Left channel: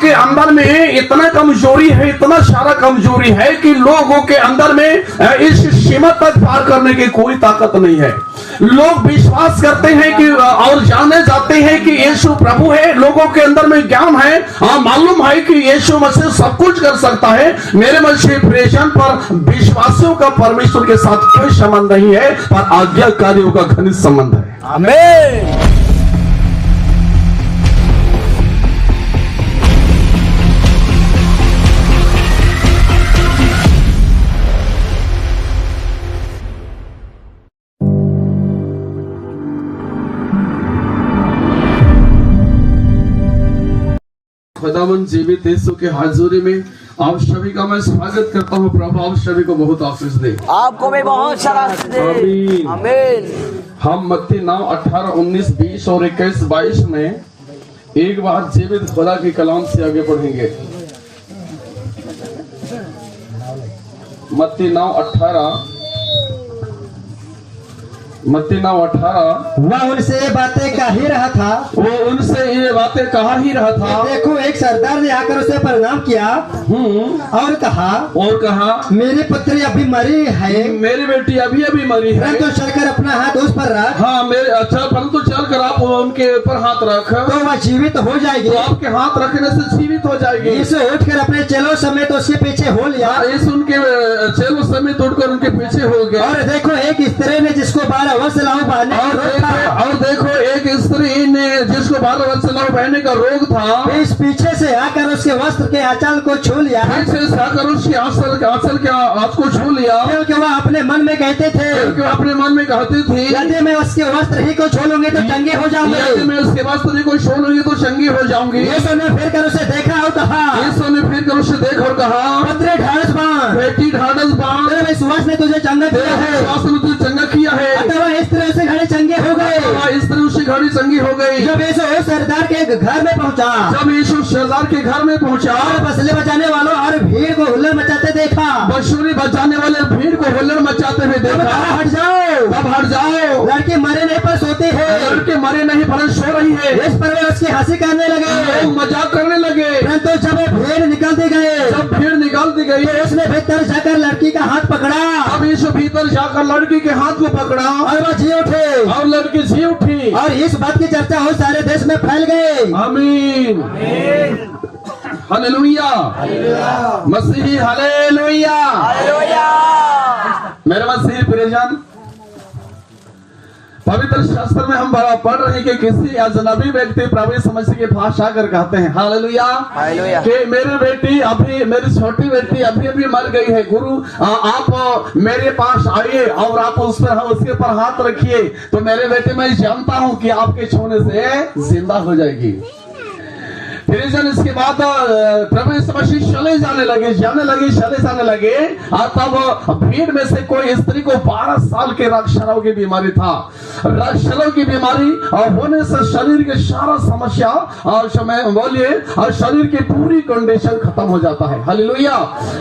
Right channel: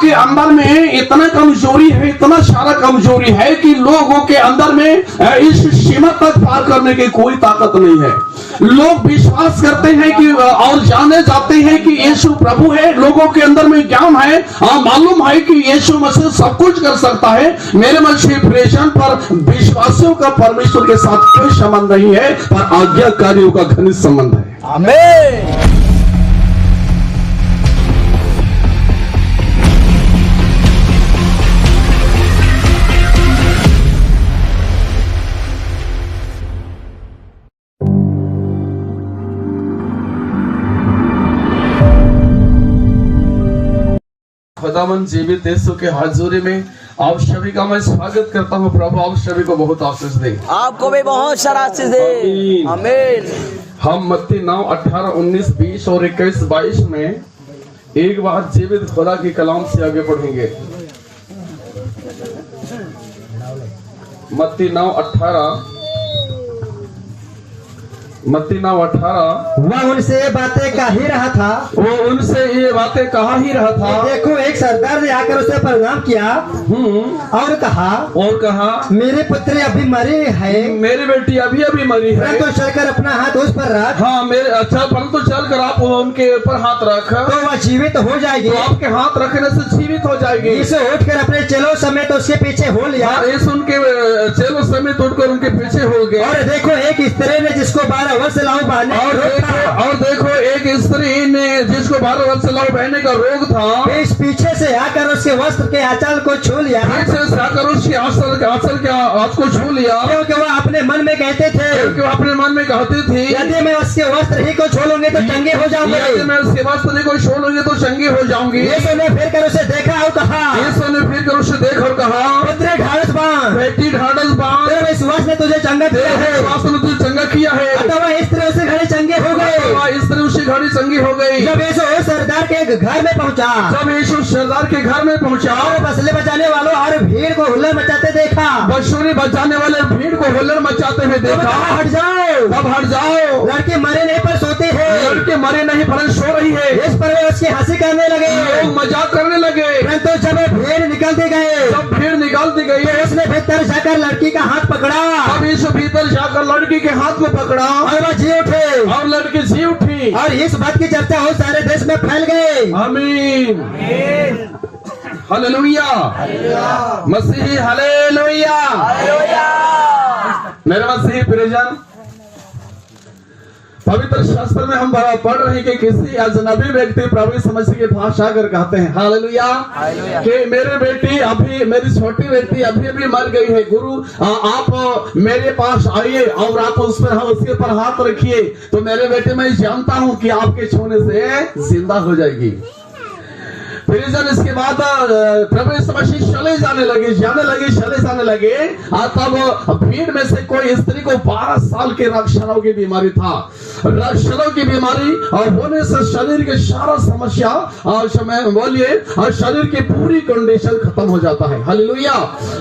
के अंदर में इतना कमजोरी है, इतना सारा कमजोरी है कि लोगों के अंदर में इस सीमा तक पार करने की कोई ताकत नहीं है। लोग विश्वास करते हैं कि और जाने जाते हैं कि यीशु प्रभु है, लोगों के अंदर में ज्ञान है, मालूम है कि यीशु मसीह सब कुछ कर सकता है। मेरे मसीह प्रेषण पर विश्वासियों का परमेश्वर के साथ कोई संबंध नहीं है, पर आज्ञाकारियों का घनिष्ठ संबंध है। आमीन। खुदावन जीवित यीशु के हाजिरी में आप सभी का मैं स्वागत करता हूँ। प्रभु आप सभी को बहुत आशीष दे, आपको भी बहुत सारा आशीष दे। आमीन। आमीन। हम मत्ती 9, 18, 19, 20 और 21, 22 में एक बार जीवित खुदा के कलाम से आगे बढ़ेंगे। मत्ती 9, 18 वह उनसे ये बातें कह ही रहा था। वो उनसे ये बातें कहा ही रहा था। देखो एक सरदार ने आकर उसे प्रणाम किया और कहा मेरे पुत्री अभी मरी है, मेरी बेटी अभी अभी मरी है, परंतु चलकर अपना हाथ उस पर रख। हाँ मेरे अच्छा, परंतु चलकर आप उनके ऊपर हाथ रख, तो वह जीवित हो जाएगी। तो आपके हाथ रखने से जीवित हो जाएगी। यीशु उठकर अपने चेलों समेत उसके पीछे हो लिया। इस उनके चेलों समेत उठकर उनके पीछे हो गया। और देखो एक स्त्री ने जिसको 12 वर्ष लाऊ बहने और देखो एक स्त्री ने जिसको 12 वर्ष लाऊ बहने का रोग था, इस पीछे से आकर उसके वस्त्र के आंचल को छू लिया। पीछे से आकर उसके आंचल के हाथ को छू लिया, क्योंकि वह अपने मन में कहते थे, क्योंकि अपने मन में कहती थी यदि मैं उसके वस्त्र ही को छोड़ूंगी तो चंगे हो जाऊंगी, यदि मैं उसके वस्त्र ही को छोड़ूंगी तो चंगी हो जाऊंगी। यीशु ने फिर कर उसे देखा और कहा, यीशु ने फिर कर उसे देख और कहा, पुत्री ढाढ़स बांध, बेटी ढाढ़स बांध, तेरे विश्वास ने तुझे चंगा किया है। विश्वास ने तुझे चंगा किया है। अथवा इस तरह उसे घड़े चंगे हो गए। इस तरह उसे घड़ी चंगी हो गई। जब यीशु सरदार के घर में पहुंचा, जब यीशु सरदार के घर में पहुंचा, और बसले बजाने वालों और भीड़ को हुल्लड़ मचाते देखा, बंसुरी बजाने वाले भीड़ को हुल्लड़ मचाते हुए देखा, हट जाओ, अब हट जाओ, लड़के मरे नहीं पर सोते हैं, लड़के मरे नहीं पर सो रही है। इस पर वे उसकी हंसी करने लगे, लोग मजाक करने लगे। परंतु जब भीड़ निकलती गए, जब भीड़ निकालती गई, तो उसने भीतर जाकर लड़की का हाथ पकड़ा, अब यीशु भीतर जाकर लड़की के हाथ को पकड़ा और वह जी उठे, और लड़की जी उठी, और इस बात की चर्चा हो सारे देश में फैल गई। आमीन, हालेलुया, मसीही हालेलुया। मेरे मसीही प्रियजन, पवित्र शास्त्र में हम पढ़ रहे हैं कि किसी अजनबी व्यक्ति प्रभु यीशु मसीह की भाषा कर कहते हैं हालेलुया कि मेरी बेटी अभी, मेरी छोटी बेटी अभी अभी मर गई है। गुरु आप मेरे पास आइए और आप उसके ऊपर हाथ रखिए, तो मेरे बेटे मैं जानता हूं कि आपके छूने से जिंदा हो जाएगी। फिर इसके बाद प्रभु यीशु मसीह चले जाने लगे और तब भीड़ में से कोई स्त्री को 12 साल के रक्तस्राव की बीमारी था। रक्तस्राव की बीमारी और होने से शरीर के सारा समस्या और बोलिए और शरीर की पूरी कंडीशन खत्म हो जाता है। हालेलुया।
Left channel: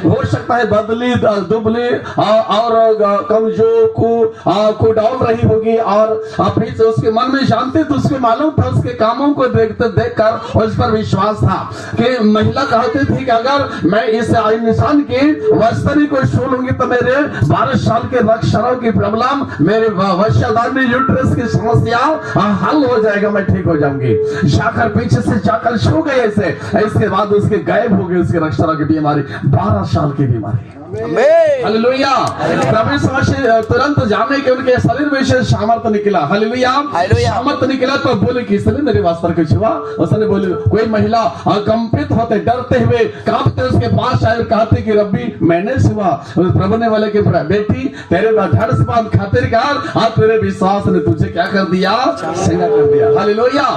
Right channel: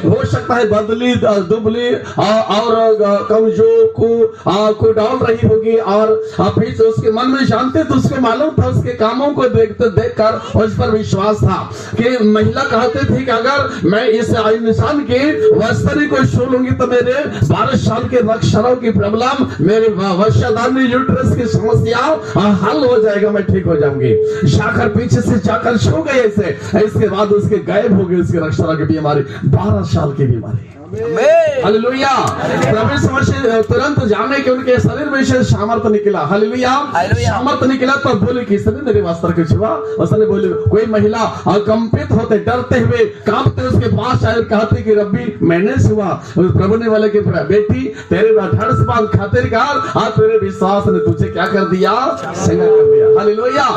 हो सकता है बदली दुबली और कमजोर को डाल रही होगी, और फिर से उसके मन में जानते तो उसके मालूम था, उसके कामों को देखकर उस पर विश्वास था कि महिला कहते थे कि अगर मैं इस इंसान के वस्त्र को छू लूंगी तो मेरे 12 साल के रक्तस्राव की प्रॉब्लम, मेरे वंशाधारी यूट्रस की समस्या हल हो जाएगा, मैं ठीक हो जाऊंगी। जाकर पीछे से जाकर छू गए ऐसे, इसके बाद उसके गायब हो गई उसके रक्तस्राव की बीमारी, 12 साल की बीमारी। हालेलुया। प्रभु यीशु मसीह तुरंत जाने के उनके शरीर में से सामर्थ्य निकला। हालेलुया। सामर्थ्य निकला तो बोले किसने मेरे वस्त्र को छुआ? उसने बोले कोई महिला कंपित होते डरते हुए कांपते उसके पास आए, कहते कि रब्बी मैंने छुआ। प्रभु ने बोले कि बेटी तेरे धड़ से बात खातिर और तेरे विश्वास ने तुझे क्या कर दिया? संगा कर दिया। हालेलुया।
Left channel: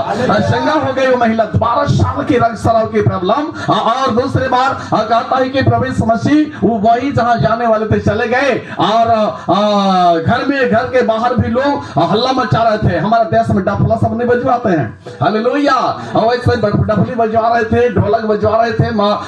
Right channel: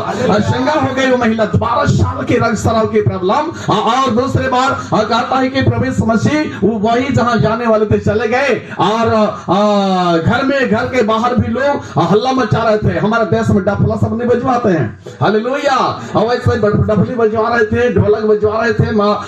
संगा हो गई वो महिला, 12 साल की रक्तस्राव की प्रॉब्लम। और दूसरी बार कहता है कि प्रभु यीशु मसीह वो वही जहां जाने वाले थे चले गए और घर के बाहर भी लोग हल्ला मचा रहे थे। हमारे देश में डफला सब नहीं बजवाते हैं, हालेलुया, वैसे डफली बजवा रहे थे, ढोलक बजवा रहे थे,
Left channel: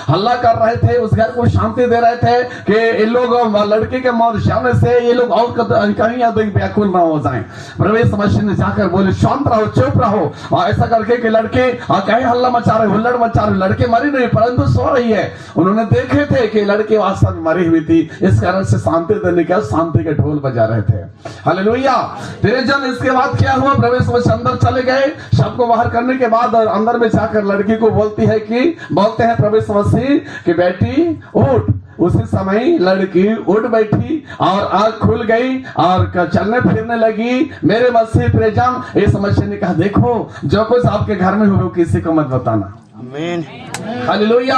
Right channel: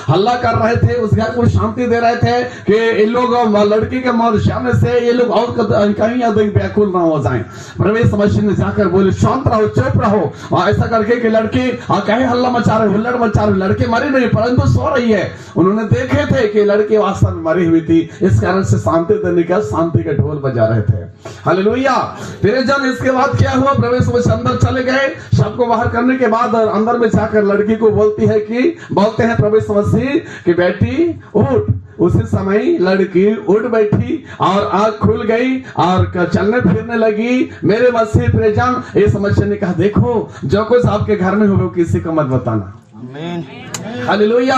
हल्ला कर रहे थे, उस घर को शांति दे रहे थे कि ये लोग लड़की के मौत जाने से ये लोग और कहीं अधिक व्याकुल ना हो जाएं। प्रवेश मशीन ने जाकर बोले शांत रहो, चुप रहो। ऐसा करके कि लड़के कहीं हल्ला मचा रहे, हुल्लड़ मचा रहे, लड़के मरी नहीं परंतु सो रही है। उन्होंने देखे थे कि लड़की वास्तव में मरी हुई थी, इस कारण से शांति देने का शांति के ढोल बजा रहे थे, हालेलुया। फिर जब इसके बाद क्या हुआ, प्रवेश मशीन अंदर चले गए, सबको बाहर करने के बाद अंदर में जाकर लड़की को बोलते हैं प्रवेश मसीह कि बेटी उठ। उसी समय लड़की उठ बैठी और आंख खुल गई और चलने फिरने लगी। मेरे मसीह प्रेजन इस मसीह ने कहा देखो जो कुछ आपके घर में हुए किसी को मत बताना, हालेलुया।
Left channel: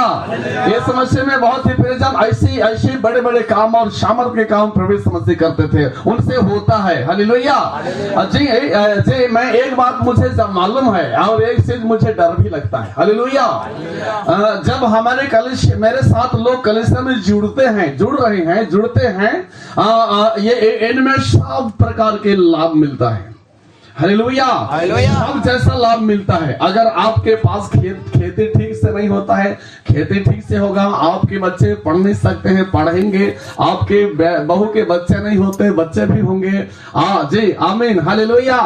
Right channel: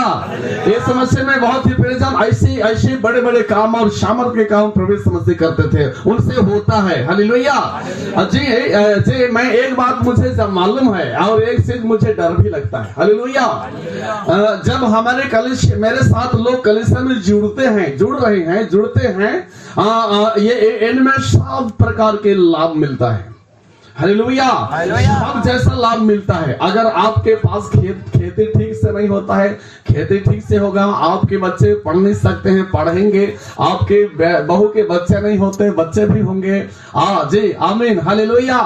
ये समस्या में बहुत ही प्रेजन ऐसे बड़े बड़े काम और सामर्थ के काम प्रवेश मसीह करते थे, उनसे होता है, हालेलुया। जी मैं एक बात मुझे मालूम है और एक चीज मुझे डर भी लगता है, हालेलुया। जब हमारे कलिसिया मेरे साथ लोग कलिसिया में जुड़ते हैं ये इनमें सब प्रकार के लाभ मिलता है, हालेलुया, सब जैसा लाभ मिलता है। अगर आपके पास खेती ठीक से नहीं होता है, खेती ठीक से होगा, आपके बच्चे पढ़ नहीं सकते हैं, पढ़ेंगे, आपके बहू के बच्चे नहीं होते, बच्चे भी होंगे, जी आमीन, हालेलुया।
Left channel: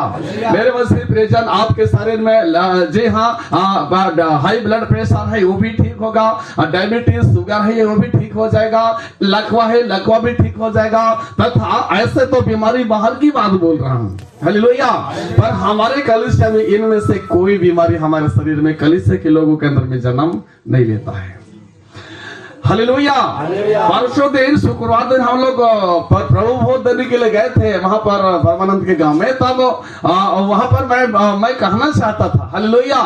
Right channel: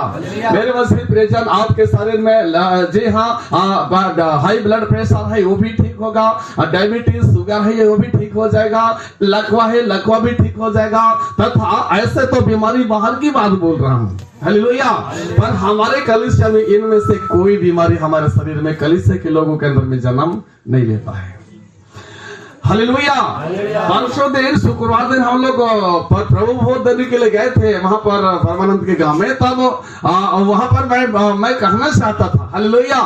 मेरे मसीह प्रियजन आपके शरीर में जी हाँ हाई ब्लड प्रेशर है वो भी ठीक होगा, डायबिटीज शुगर है वो भी ठीक हो जाएगा, लकवा है लकवा भी ठीक हो जाएगा, तथा ऐसे तो बीमारी बाहर की बात बोल रहा हूँ, हालेलुया। पर हमारे कलिसिया में इनमें से कोई बीमारी हमारे शरीर में कलिसिया के लोगों के अंदर में जन्म नहीं लेता है, हालेलुया। परसों दिन शुक्रवार दिन हम लोग प्रभु भोज देने के लिए गए थे वहां पर परमानंद के गांव में। तब वहां पर मैं कहना चाहता था, हालेलुया,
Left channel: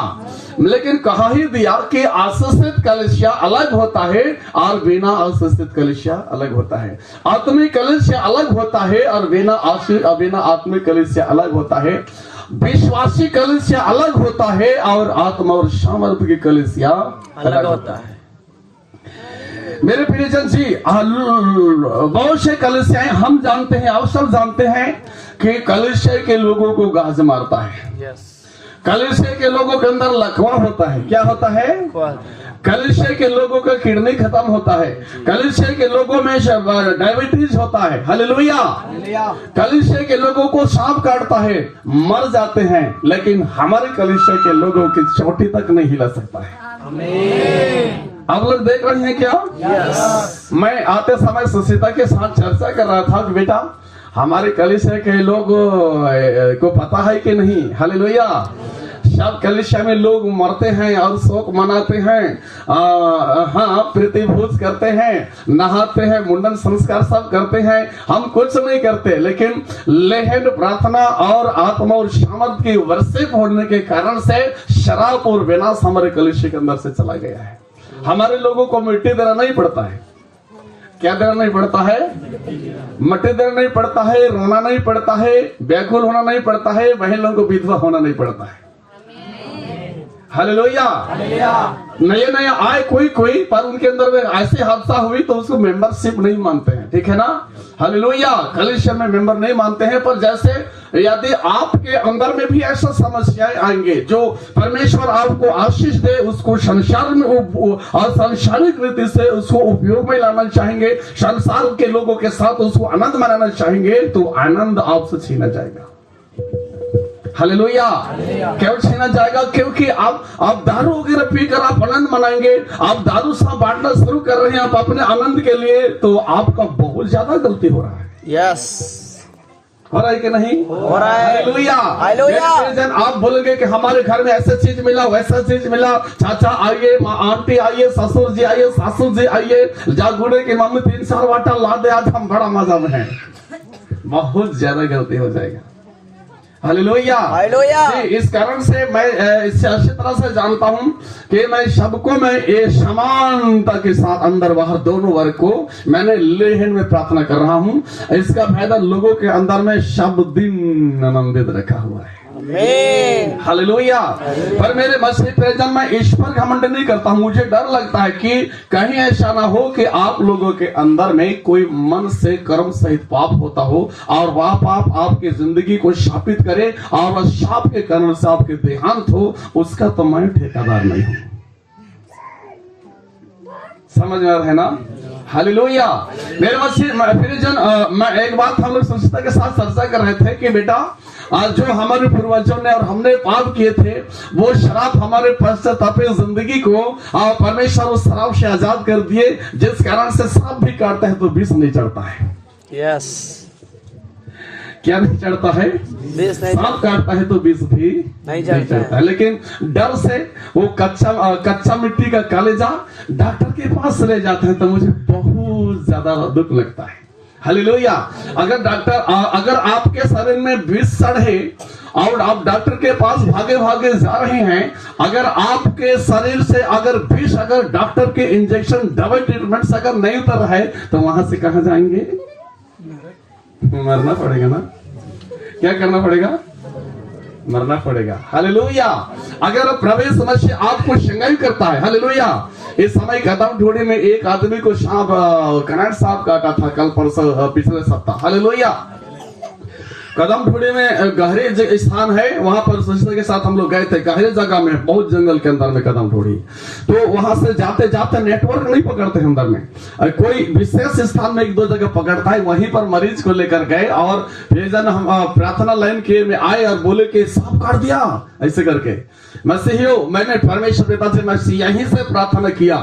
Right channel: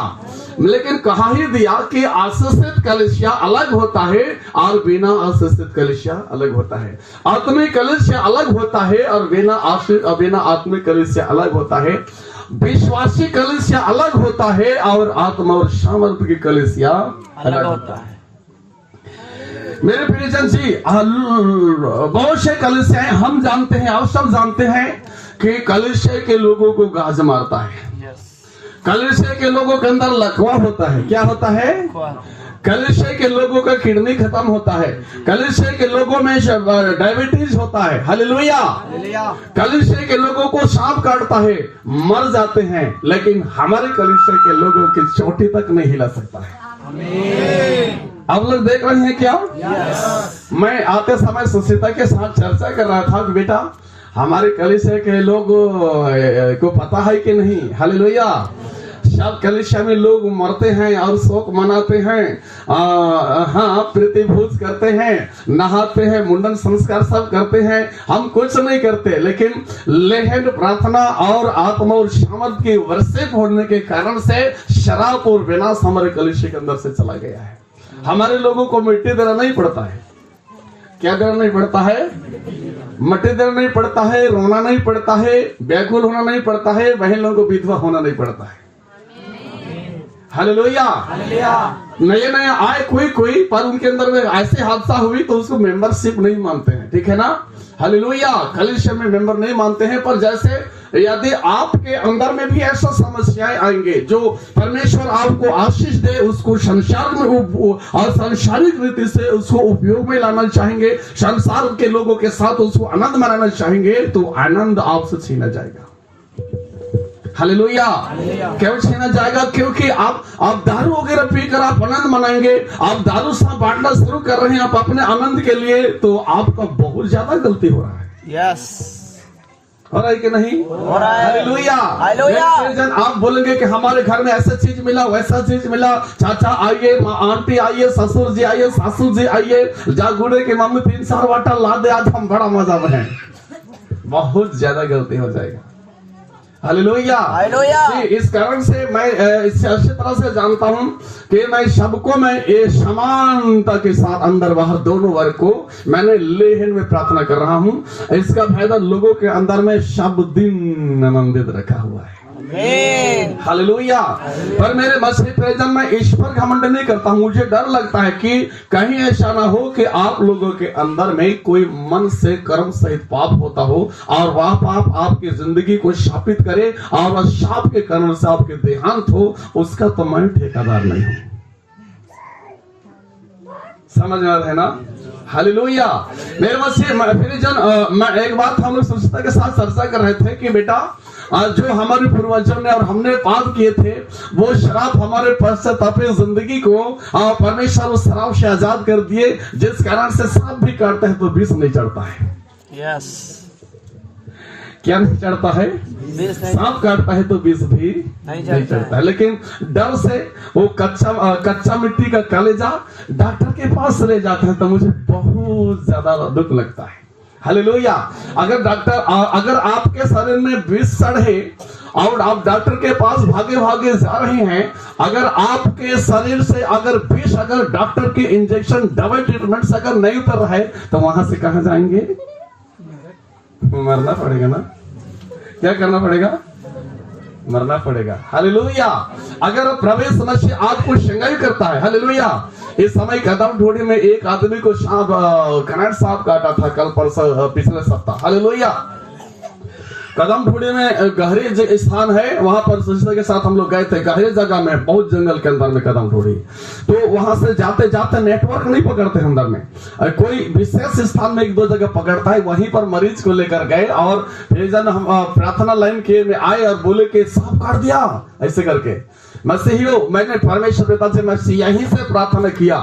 लेकिन कहा ही दिया कि आशीषित कलिसिया अलग होता है और बिना आशीषित कलिसिया अलग होता है, आत्मिक कलिसिया अलग होता है और बिना आत्मिक कलिसिया अलग होता है, विश्वासी कलिसिया अलग होता है और आत्मा और सामर्थ्य की कलिसिया अलग होता है। मेरे प्रियजन जी बहुत से कलिसियाएं हम जानते हैं, आप सब जानते हैं कि कलिसिया के लोगों को गाज मारता है, कलिसिया के लोगों के अंदर लकवा होता है, क्या होता है, कलिसिया के लोगों का किडनी खत्म होता है, कलिसिया के लोगों में डायबिटीज होता है, हालेलुया। कलिसिया के लोगों को सांप काटता है, मर जाते हैं, लेकिन हमारे कलिसिया के लोगों की चोटी तक नहीं हिला सकता है। आप लोग देख रहे हैं क्या? मैं आते समय सुशीता के साथ चर्चा कर रहा था कि बेटा हमारे कलिसिया के लोग को पता है कि नहीं, हालेलुया। सब कलिसिया में लोग मरते हैं और शोक मनाते हैं, हाँ प्रतिभोज करते हैं, नहाते हैं, मुंडन संस्कार सब करते हैं, हम कुछ नहीं करते, लेकिन लेहन प्रार्थना और आत्मा और सामर्थ की वर्षिप होने के कारण से शराब और विनाश हमारे कलिसिया के अंदर से चला गया है। हमारे लोगों को मिट्टी देना नहीं पड़ता है, क्या देना नहीं पड़ता है, मिट्टी देना नहीं पड़ता है, रोना नहीं पड़ता है, व्याकुल होना नहीं पड़ता है, बहन लोगों को विधवा होना नहीं पड़ता है, हालेलुया। नए आए कोई पर उनके अंदर में ऐसे हादसा हुई तो उसको मेंबरशिप नहीं मानते हैं, ठीक है ना, हालेलुया। कलिसिया में मेंबर नहीं मानते हैं, पर जैसे यदि आपके अंदर में भी ऐसा समस्याएं आएंगे जो परमेश्वर आपको आशीष दे, उसको संसार में और सांसारिक रीति से उसको उपयोग में लाना चाहेंगे, संसार के लोगों के साथ उसको आनंद मनाना चाहेंगे, तो आनंद आपसे छीना जाएगा, हालेलुया। क्यों छीना जाएगा? क्योंकि आप दारू वगैरह पीकर आप आनंद मनाएंगे, आप दारू साहब बांटना शुरू कर रहे हैं आप अपने आनंद के लिए, तो आपका बहुत ज्यादा गलती हो रहा है। यस, हो रहा है कि नहीं? हो रहा है, हालेलुया, हालेलुया। आप बोलेंगे कि हमारे घर में ऐसा चीज मिला, वैसा चीज मिला, चाचा आइए, आंटी आइए, ससुर जी आइए, सासू जी आइए, जागुड़े की मम्मी 3-4 वाटा ला दे, आज हम बड़ा मजा में, बहुत ज्यादा गलती हो जाएगा, हालेलुया, हालेलुया। इस कारण से मैं इससे अच्छी तरह से जानता हूं कि मैं सबको मैं ये समानता के साथ अंदर बाहर दोनों वर्ग को मैंने लेहन में प्रार्थना कर रहा हूं। इसका फायदा लोगों के अंदर में सब दिन आनंदित रखा हुआ है, आमीन। हालेलुया। पर मेरे मसीह प्रियजन, मैं इस पर घमंड नहीं करता हूं। मुझे डर लगता है कि कहीं ऐसा ना हो कि आप लोगों के अंदर में कोई मन से कर्म सहित पाप होता हो और वह पाप आपकी जिंदगी को शापित करे और वह शाप के कारण से आपके देहांत हो, उसका तो मैं ठेकेदार नहीं हूं। समझ में आ रहा है ना? हालेलुया। मेरे मसीह प्रियजन, मैं एक बात हम लोग स्वच्छता के साथ चर्चा कर रहे थे कि बेटा, जो हमारे पूर्वजों ने और हमने पाप किए थे, वो शराब हमारे पश्चातापी जिंदगी को परमेश्वर उस शराब से आजाद कर दिए, जिस कारण से सांप भी काटता है तो विष नहीं चढ़ता है। यस। क्या नहीं चढ़ता है? सांप काटता है तो विष भी नहीं चढ़ता है। लेकिन डर से वो कच्चा मिट्टी का कलेजा डॉक्टर के पास ले जाता है तो मुझे बहुत ज्यादा दुख लगता है। हालेलुया। अगर आपके शरीर में विष सड़े और आप डॉक्टर के पास भागे भागे जा रहे हैं, अगर आपके शरीर से अगर विष, अगर डॉक्टर के इंजेक्शन, दवाई, ट्रीटमेंट से अगर नहीं उतर रहा है तो वहां से कहां जाएंगे? मरना पड़ेगा ना। क्या करना पड़ेगा? मरना पड़ेगा। हालेलुया। अगर प्रवेश मसीह आपको शंगाई करता है, हालेलुया। इस समय कदम ढूंढे में एक आदमी को करंट सांप काटा था कल परसों, पिछले सप्ताह। हालेलुया। कदम ढूंढे में गहरे स्थान है, वहां पर स्वच्छता के साथ हम लोग गए थे। गहरे जगह में, बहुत जंगल के अंदर में कदम ढूंढी, तो वहां से जाते जाते नेटवर्क नहीं पकड़ते अंदर में, कोई विशेष स्थान में एक दो जगह पकड़ता है। वहीं पर मरीज को लेकर गए और फिर हम प्रार्थना लाइन के में आए और बोले कि सांप काट दिया ऐसे करके। मसीहियों, मैंने परमेश्वर पिता से मैं यहीं से प्रार्थना किया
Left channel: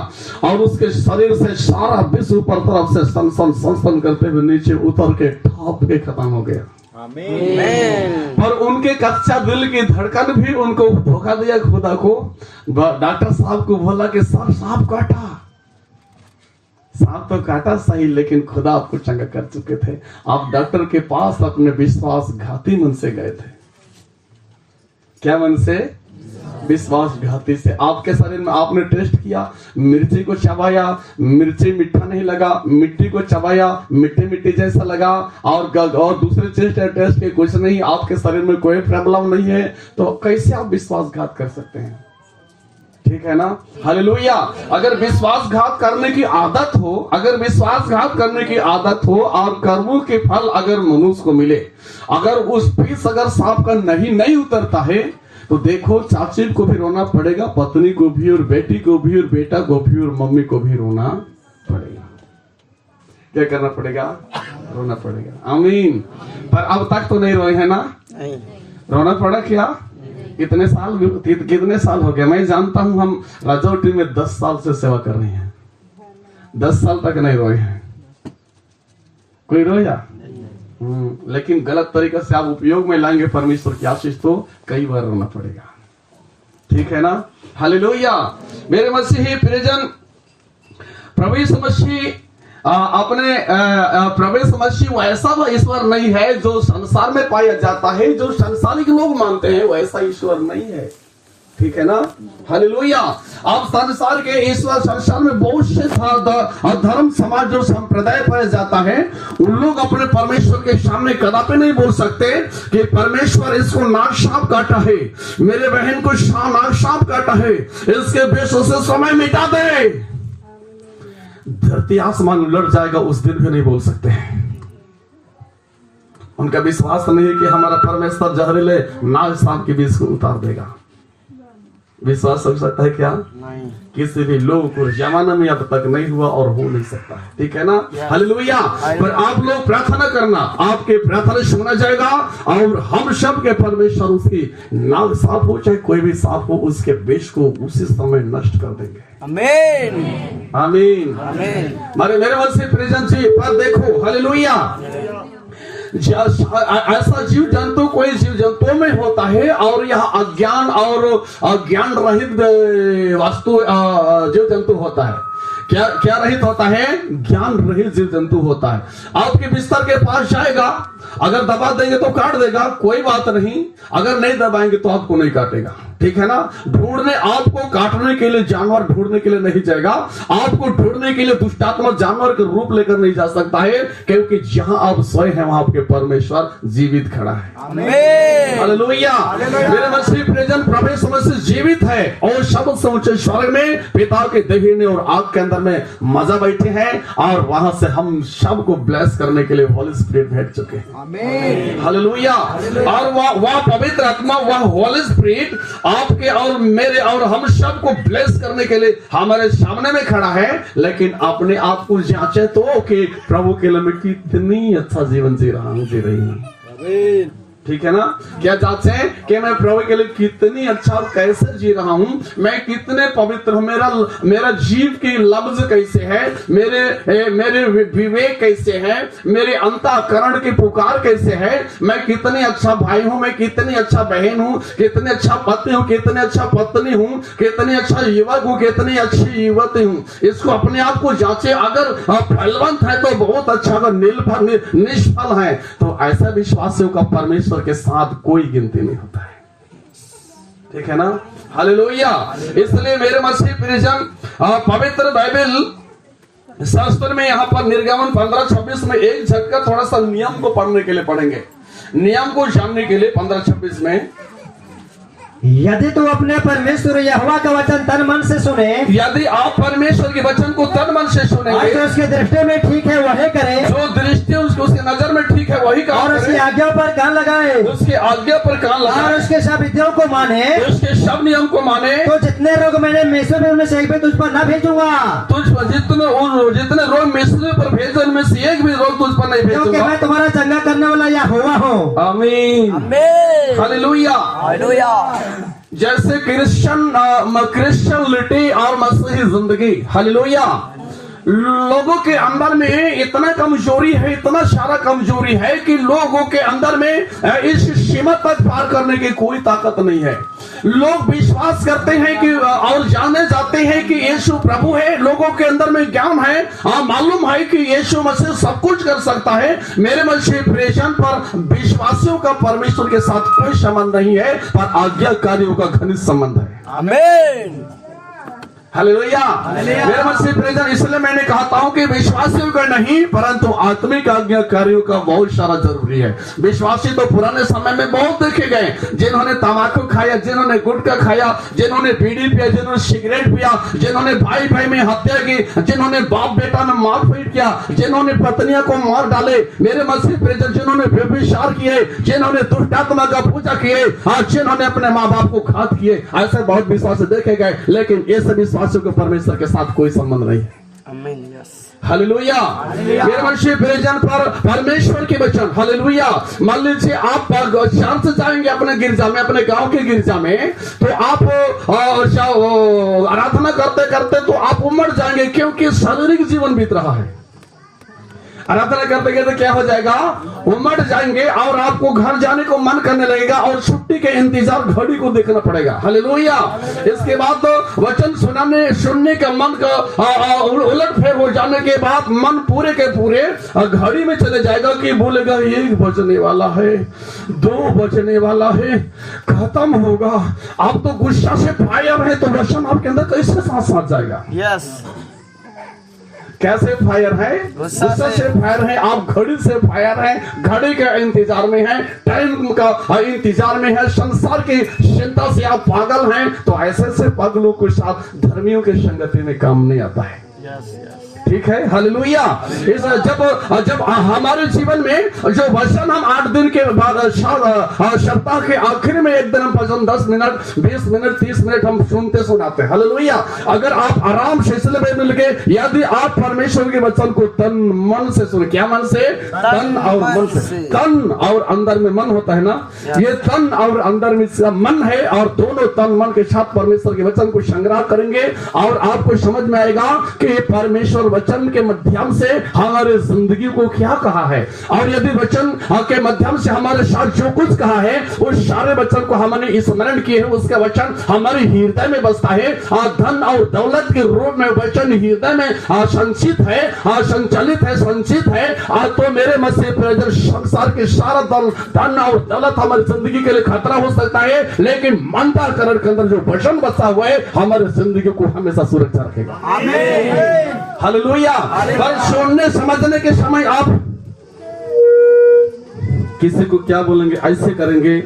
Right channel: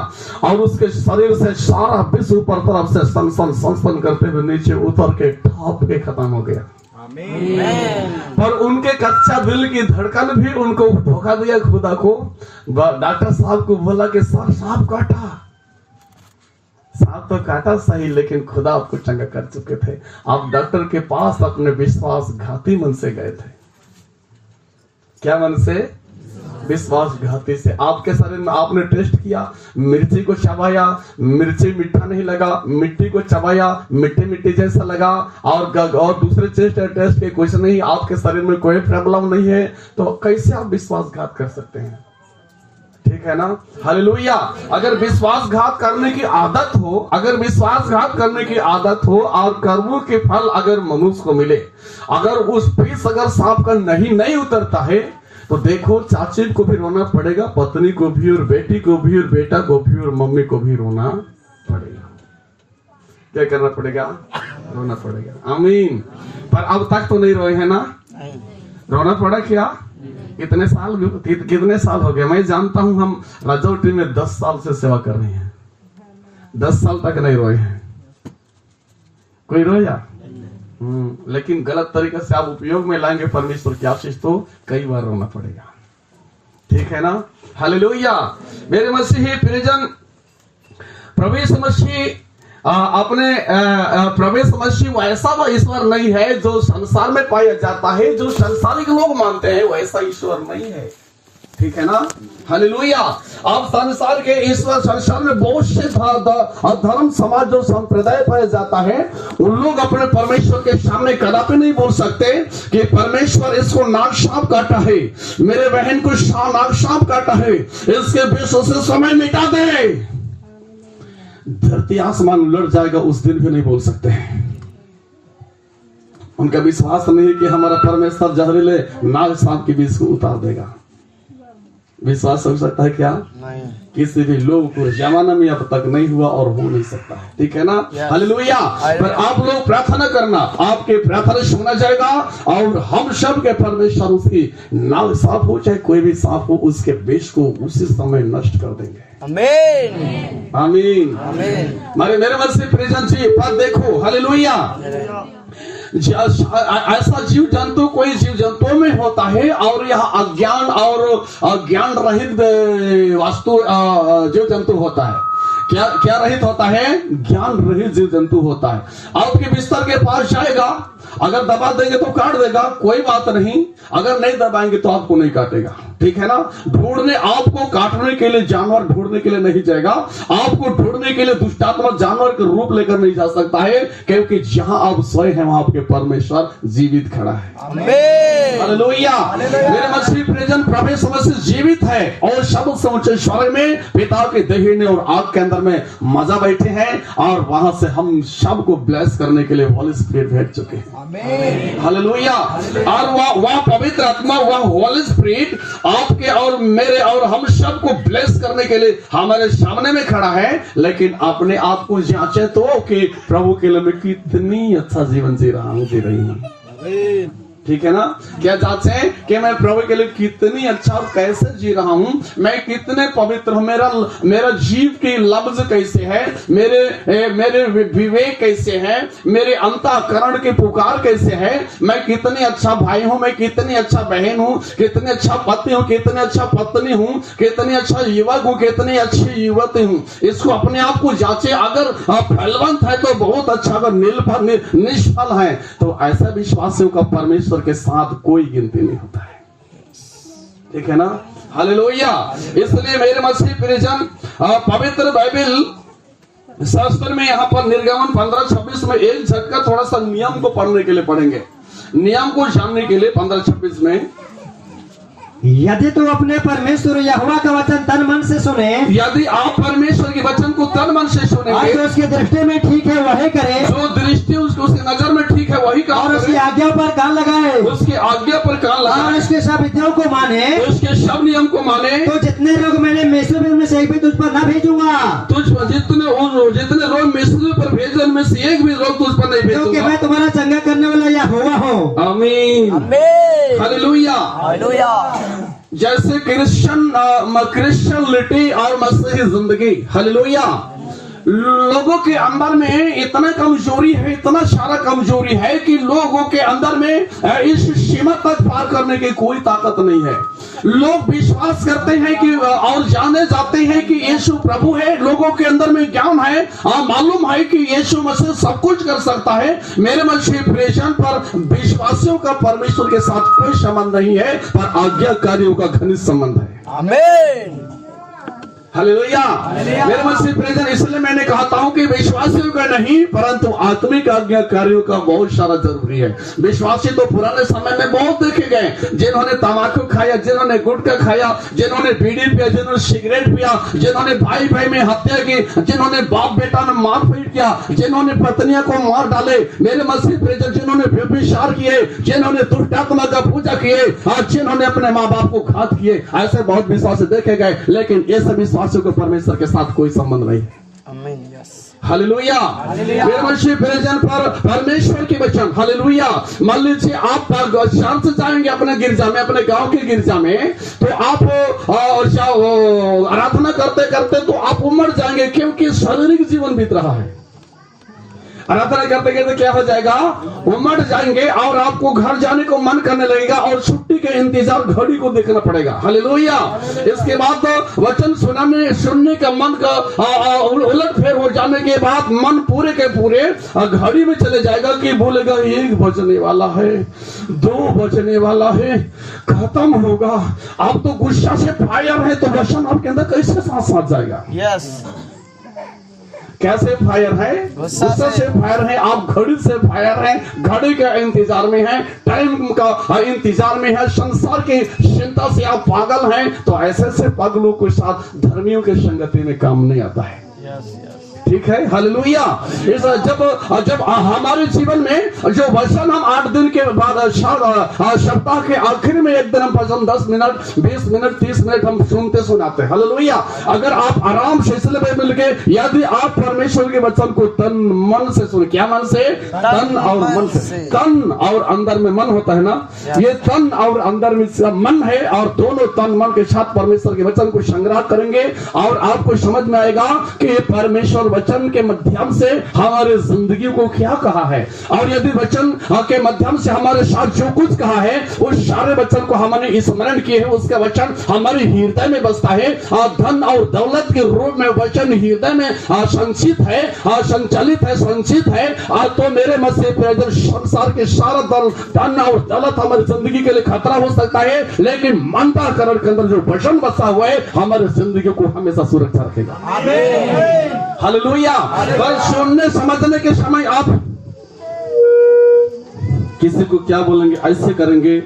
और उसके शरीर से सारा विष ऊपर तरफ से सन करते हुए नीचे उतर के ठाप के खत्म हो गया। पर उनके कच्चा दिल की धड़कन भी उनको धोखा दिया खुदा को। डॉक्टर साहब को बोला कि सांप काटा, सांप तो काटा सही, लेकिन खुदा आपको चंगा कर चुके थे। आप डॉक्टर के पास अपने विश्वासघाती मन से गए थे। क्या मन से? विश्वासघाती से। आपके शरीर में आपने टेस्ट किया, मिर्ची को चबाया, मिर्ची मीठा नहीं लगा, मिट्टी को चबाया, मिट्टी मिट्टी जैसा लगा, और दूसरे टेस्ट के कुछ नहीं, आपके शरीर में कोई प्रॉब्लम नहीं है, तो कैसे आप विश्वासघात कर सकते हैं? ठीक है ना? हालेलुया। अगर विश्वासघात करने की आदत हो, अगर विश्वासघात करने की आदत हो और कर्मों के फल अगर मनुष्य को मिले, अगर उस विष अगर सांप का नहीं उतरता है, तो देखो चाची को भी रोना पड़ेगा, पत्नी को भी, और बेटी को भी, और बेटा को भी, और मम्मी को भी रोना पड़ेगा। क्या करना पड़ेगा? रोना पड़ेगा। आमीन। पर अब तक तो नहीं रोए है ना? नहीं। रोना पड़ा क्या? कितने साल हो गए? मैं जानता हूं हम राजौटी में 10 साल से सेवा कर रहे हैं, 10 साल तक नहीं रोए हैं। कोई रोया? लेकिन गलत तरीके से आप उपयोग में लाएंगे परमेश्वर की आशीष तो कई बार रोना पड़ेगा। ठीक है ना? हालेलुया। मेरे मसीही प्रियजन, प्रवेश मसीह अपने प्रवेश मसीह वैसा ईश्वर नहीं है जो संसार में पाया जाता है, जो संसारिक लोग मानते हैं वैसा ईश्वर नहीं है। ठीक है ना? हालेलुया। आप संसार के ईश्वर, संसार में बहुत से धर्म, समाज और संप्रदाय पाया जाता है, उन लोग अपने परमेश्वर के सामने कदापि नहीं बोल सकते कि परमेश्वर इसको नाग सांप काटा है, मेरे बहन को नाग सांप काटा है, इसके विष से समय मिटा दे। धरती आसमान उलट जाएगा, उस दिन भी नहीं बोल सकते हैं। उनका विश्वास नहीं है कि हमारा परमेश्वर जहरीले नाग सांप के विष को उतार देगा। विश्वास हो सकता है क्या? नहीं। किसी भी लोग को जमाना में अब तक नहीं हुआ और हो नहीं सकता है। ठीक है ना? हालेलुया। पर आप लोग प्रार्थना करना, आपके प्रार्थना सुना जाएगा और हम सब के परमेश्वर उसकी नाग सांप हो चाहे कोई भी सांप हो, उसके विष को उसी समय नष्ट कर देंगे। आमीन, आमीन, आमीन। मेरे मन से प्रियजन जी, पर देखो, हालेलुया, ऐसा जीव जंतु कोई जीव जंतु में होता है और यह अज्ञान और ज्ञान रहित वस्तु जीव जंतु होता है। क्या रहित होता है? ज्ञान रहित जीव जंतु होता है। आपके बिस्तर के पास जाएगा, अगर दबा देंगे तो काट देगा, कोई बात नहीं, अगर नहीं दबाएंगे तो आपको नहीं काटेगा। ठीक है ना। ढूंढने, आपको काटने के लिए जानवर ढूंढने के लिए नहीं जाएगा, आपको ढूंढने के लिए दुष्टात्मा जानवर के रूप लेकर नहीं जा सकता है, क्योंकि जहां आप सोए हैं वहां आपके परमेश्वर जीवित खड़ा है। हालेलुया। मेरे मसीह प्रियजन, प्रभु यीशु मसीह जीवित है और शब्द समुचे स्वर्ग में पिता के दाहिने और आग के अंदर में मजा बैठे हैं, और वहां से हम सब को ब्लेस करने के लिए होली स्पिरिट भेज चुके हैं। हालेलुया। और वह पवित्र आत्मा, वह होली स्पिरिट आपके और मेरे और हम सब को ब्लेस करने के लिए हमारे सामने में खड़ा है। लेकिन अपने आप को जांचे तो कि प्रभु के लिए मैं कितनी अच्छा जीवन जी रहा हूं, जी रही हूं। ठीक है ना। क्या चाहते हैं कि मैं प्रभु के लिए कितनी अच्छा और कैसे जी रहा हूं, मैं कितने पवित्र हूं, मेरा जीव की लफ्ज कैसे है, मेरे विवेक कैसे है, मेरे अंतःकरण की पुकार कैसे है, मैं कितनी अच्छा भाई हूं, मैं कितनी अच्छा बहन हूं, कितनी अच्छा पति हूं, कितनी अच्छा पत्नी हूं, कितनी अच्छा युवक हूं, कितनी अच्छी युवती हूं। इसको अपने आप को जांचे। अगर फलवंत है तो बहुत अच्छा, अगर निष्फल है तो ऐसा विश्वासियों का परमेश्वर के साथ कोई गिनती नहीं होता है। ठीक है ना। हालेलुया। इसलिए मेरे मसीह प्रियजन, पवित्र बाइबल शास्त्र में यहाँ पर निर्गमन 15-26 में एक झटका थोड़ा सा नियम को पढ़ने के लिए पढ़ेंगे, नियम को जानने के लिए। 15-26 में, यदि तू अपने परमेश्वर यहोवा का वचन तन मन से सुने, यदि आप परमेश्वर के वचन को तन मन से सुनेंगे, जो उसकी दृष्टि में ठीक है वही करे, जो दृष्टि उसकी नजर में ठीक है वही काम और उसकी करे, आज्ञा पर कान लगाए, उसकी आज्ञा पर कान लगाए, और उसके सब विधियों को माने, उसके सब नियम को माने, तो जितने लोग मैंने मिस्र में उनमें से एक भी तुझ पर न भेजूंगा, जितने लोग मिस्र पर भेजे उनमें से एक भी लोग तुझ पर नहीं क्योंकि भेजूंगा। मैं तुम्हारा चंगा करने वाला यहोवा हूँ। आमीन। आमीन। हालेलुया। हालेलुया। जैसे क्रिश्चियनिटी और मसीही जिंदगी, हालेलुया, लोगों के अंदर में इतना कमजोरी है, इतना सारा कमजोरी है कि लोगों के अंदर में इस सीमा तक पार करने की कोई ताकत नहीं है। लोग विश्वास करते हैं कि और जाने जाते हैं कि यीशु प्रभु है, लोगों के अंदर में ज्ञान है, मालूम है कि यीशु मसीह सब कुछ कर सकता है। मेरे मसीह प्रेषण पर विश्वासियों का परमेश्वर के साथ कोई संबंध नहीं है, पर आज्ञाकारियों का घनिष्ठ संबंध है। आमीन। हालेलुया। मेरे मसीह प्रियजन, इसलिए मैंने कहा हूं कि विश्वासियों का नहीं परंतु आत्मिक आज्ञाकारियों का बहुत सारा जरूरी है। विश्वासी तो पुराने समय में बहुत देखे गए, जिन्होंने तंबाकू खाया, जिन्होंने गुटखा खाया, जिन्होंने बीड़ी पिया, जिन्होंने सिगरेट पिया, जिन्होंने भाई भाई में हत्या की, जिन्होंने बाप बेटा में मारपीट किया, जिन्होंने पत्नियों को मार डाले। मेरे मसीह प्रियजन, जिन्होंने व्यभिचार किए, जिन्होंने दुष्टात्मा का पूजा किए, जिन्होंने अपने माँ बाप को घात किए, ऐसे बहुत विश्वासी देखे गए। लेकिन ये सभी विश्वासियों को परमेश्वर के साथ कोई संबंध नहीं। आमीन। यस। हालेलुया। मेरे मसीह प्रियजन, पर परमेश्वर के वचन, हालेलुया। मान लीजिए आप शाम से जाएंगे अपने गिरजा में, अपने गांव के गिरजा में, तो आप आराधना करते करते तो आप उमड़ जाएंगे, क्योंकि शारीरिक जीवन बीत रहा है। आराधना करते करते क्या हो जाएगा, उमड़ जाएंगे और आपको घर जाने को मन करने लगेगा और छुट्टी के इंतजार घड़ी को देखना पड़ेगा। हालेलुया। इसके बाद तो वचन सुनने का मन का उलट फेर हो जाने के बाद मन पूरे के पूरे घड़ी में चले जाएगा कि बोलेगा 1 बजने वाला है, 2 बजने वाला है, खत्म होगा। आप तो गुस्सा से फायर है, तो वचन आपके अंदर कैसे साथ साथ जाएगा। यस। कैसे फायर है, गुस्सा से फायर है, आप घड़ी से फायर है, घड़ी के इंतजार में है, टाइम का इंतजार में है, संसार की चिंता से आप पागल हैं। तो ऐसे से पागलों के साथ धर्मियों के संगति में काम नहीं आता है। Yes yes. ठीक है। हालेलुया। जब हमारे जीवन में जो वचन हम 8 दिन के बाद सप्ताह के आखिर में एक दिन हम भजन 10 मिनट 20 मिनट 30 मिनट हम सुनते सुनाते हैं। हालेलुया। अगर आप आराम से इसलिए में मिल के, यदि आप परमेश्वर के वचन को तन मन से सुने, क्या मन से, तन और मन से, तन और अंदर में मन होता है ना, ये तन और अंदर में मन है, और दोनों तन मन के साथ परमेश्वर के वचन को संग्रह करेंगे और आपको समझ में आएगा कि परमेश्वर वचन के माध्यम से हमारे जिंदगी को क्या कहा है, और यदि वचन के माध्यम से हमारे साथ जो कुछ कहा है उस सारे वचन को हमने स्मरण किए हैं, उसका वचन हमारे हृदय में बसता है। और धन और दौलत के रूप में वचन हृदय में संचित है, संचालित है, संचित है, तो मेरे मसीह प्रियजन संसार के सारा धन और दौलत हमारी जिंदगी के लिए खतरा हो सकता है, लेकिन अंतःकरण के अंदर जो वचन बसा हुआ है हमारे जिंदगी को हमेशा सुरक्षा रखेगा। हालेलुया। पर सुनने समझने के समय आप किसी को क्या बोलेंगे, ऐसे करेंगे,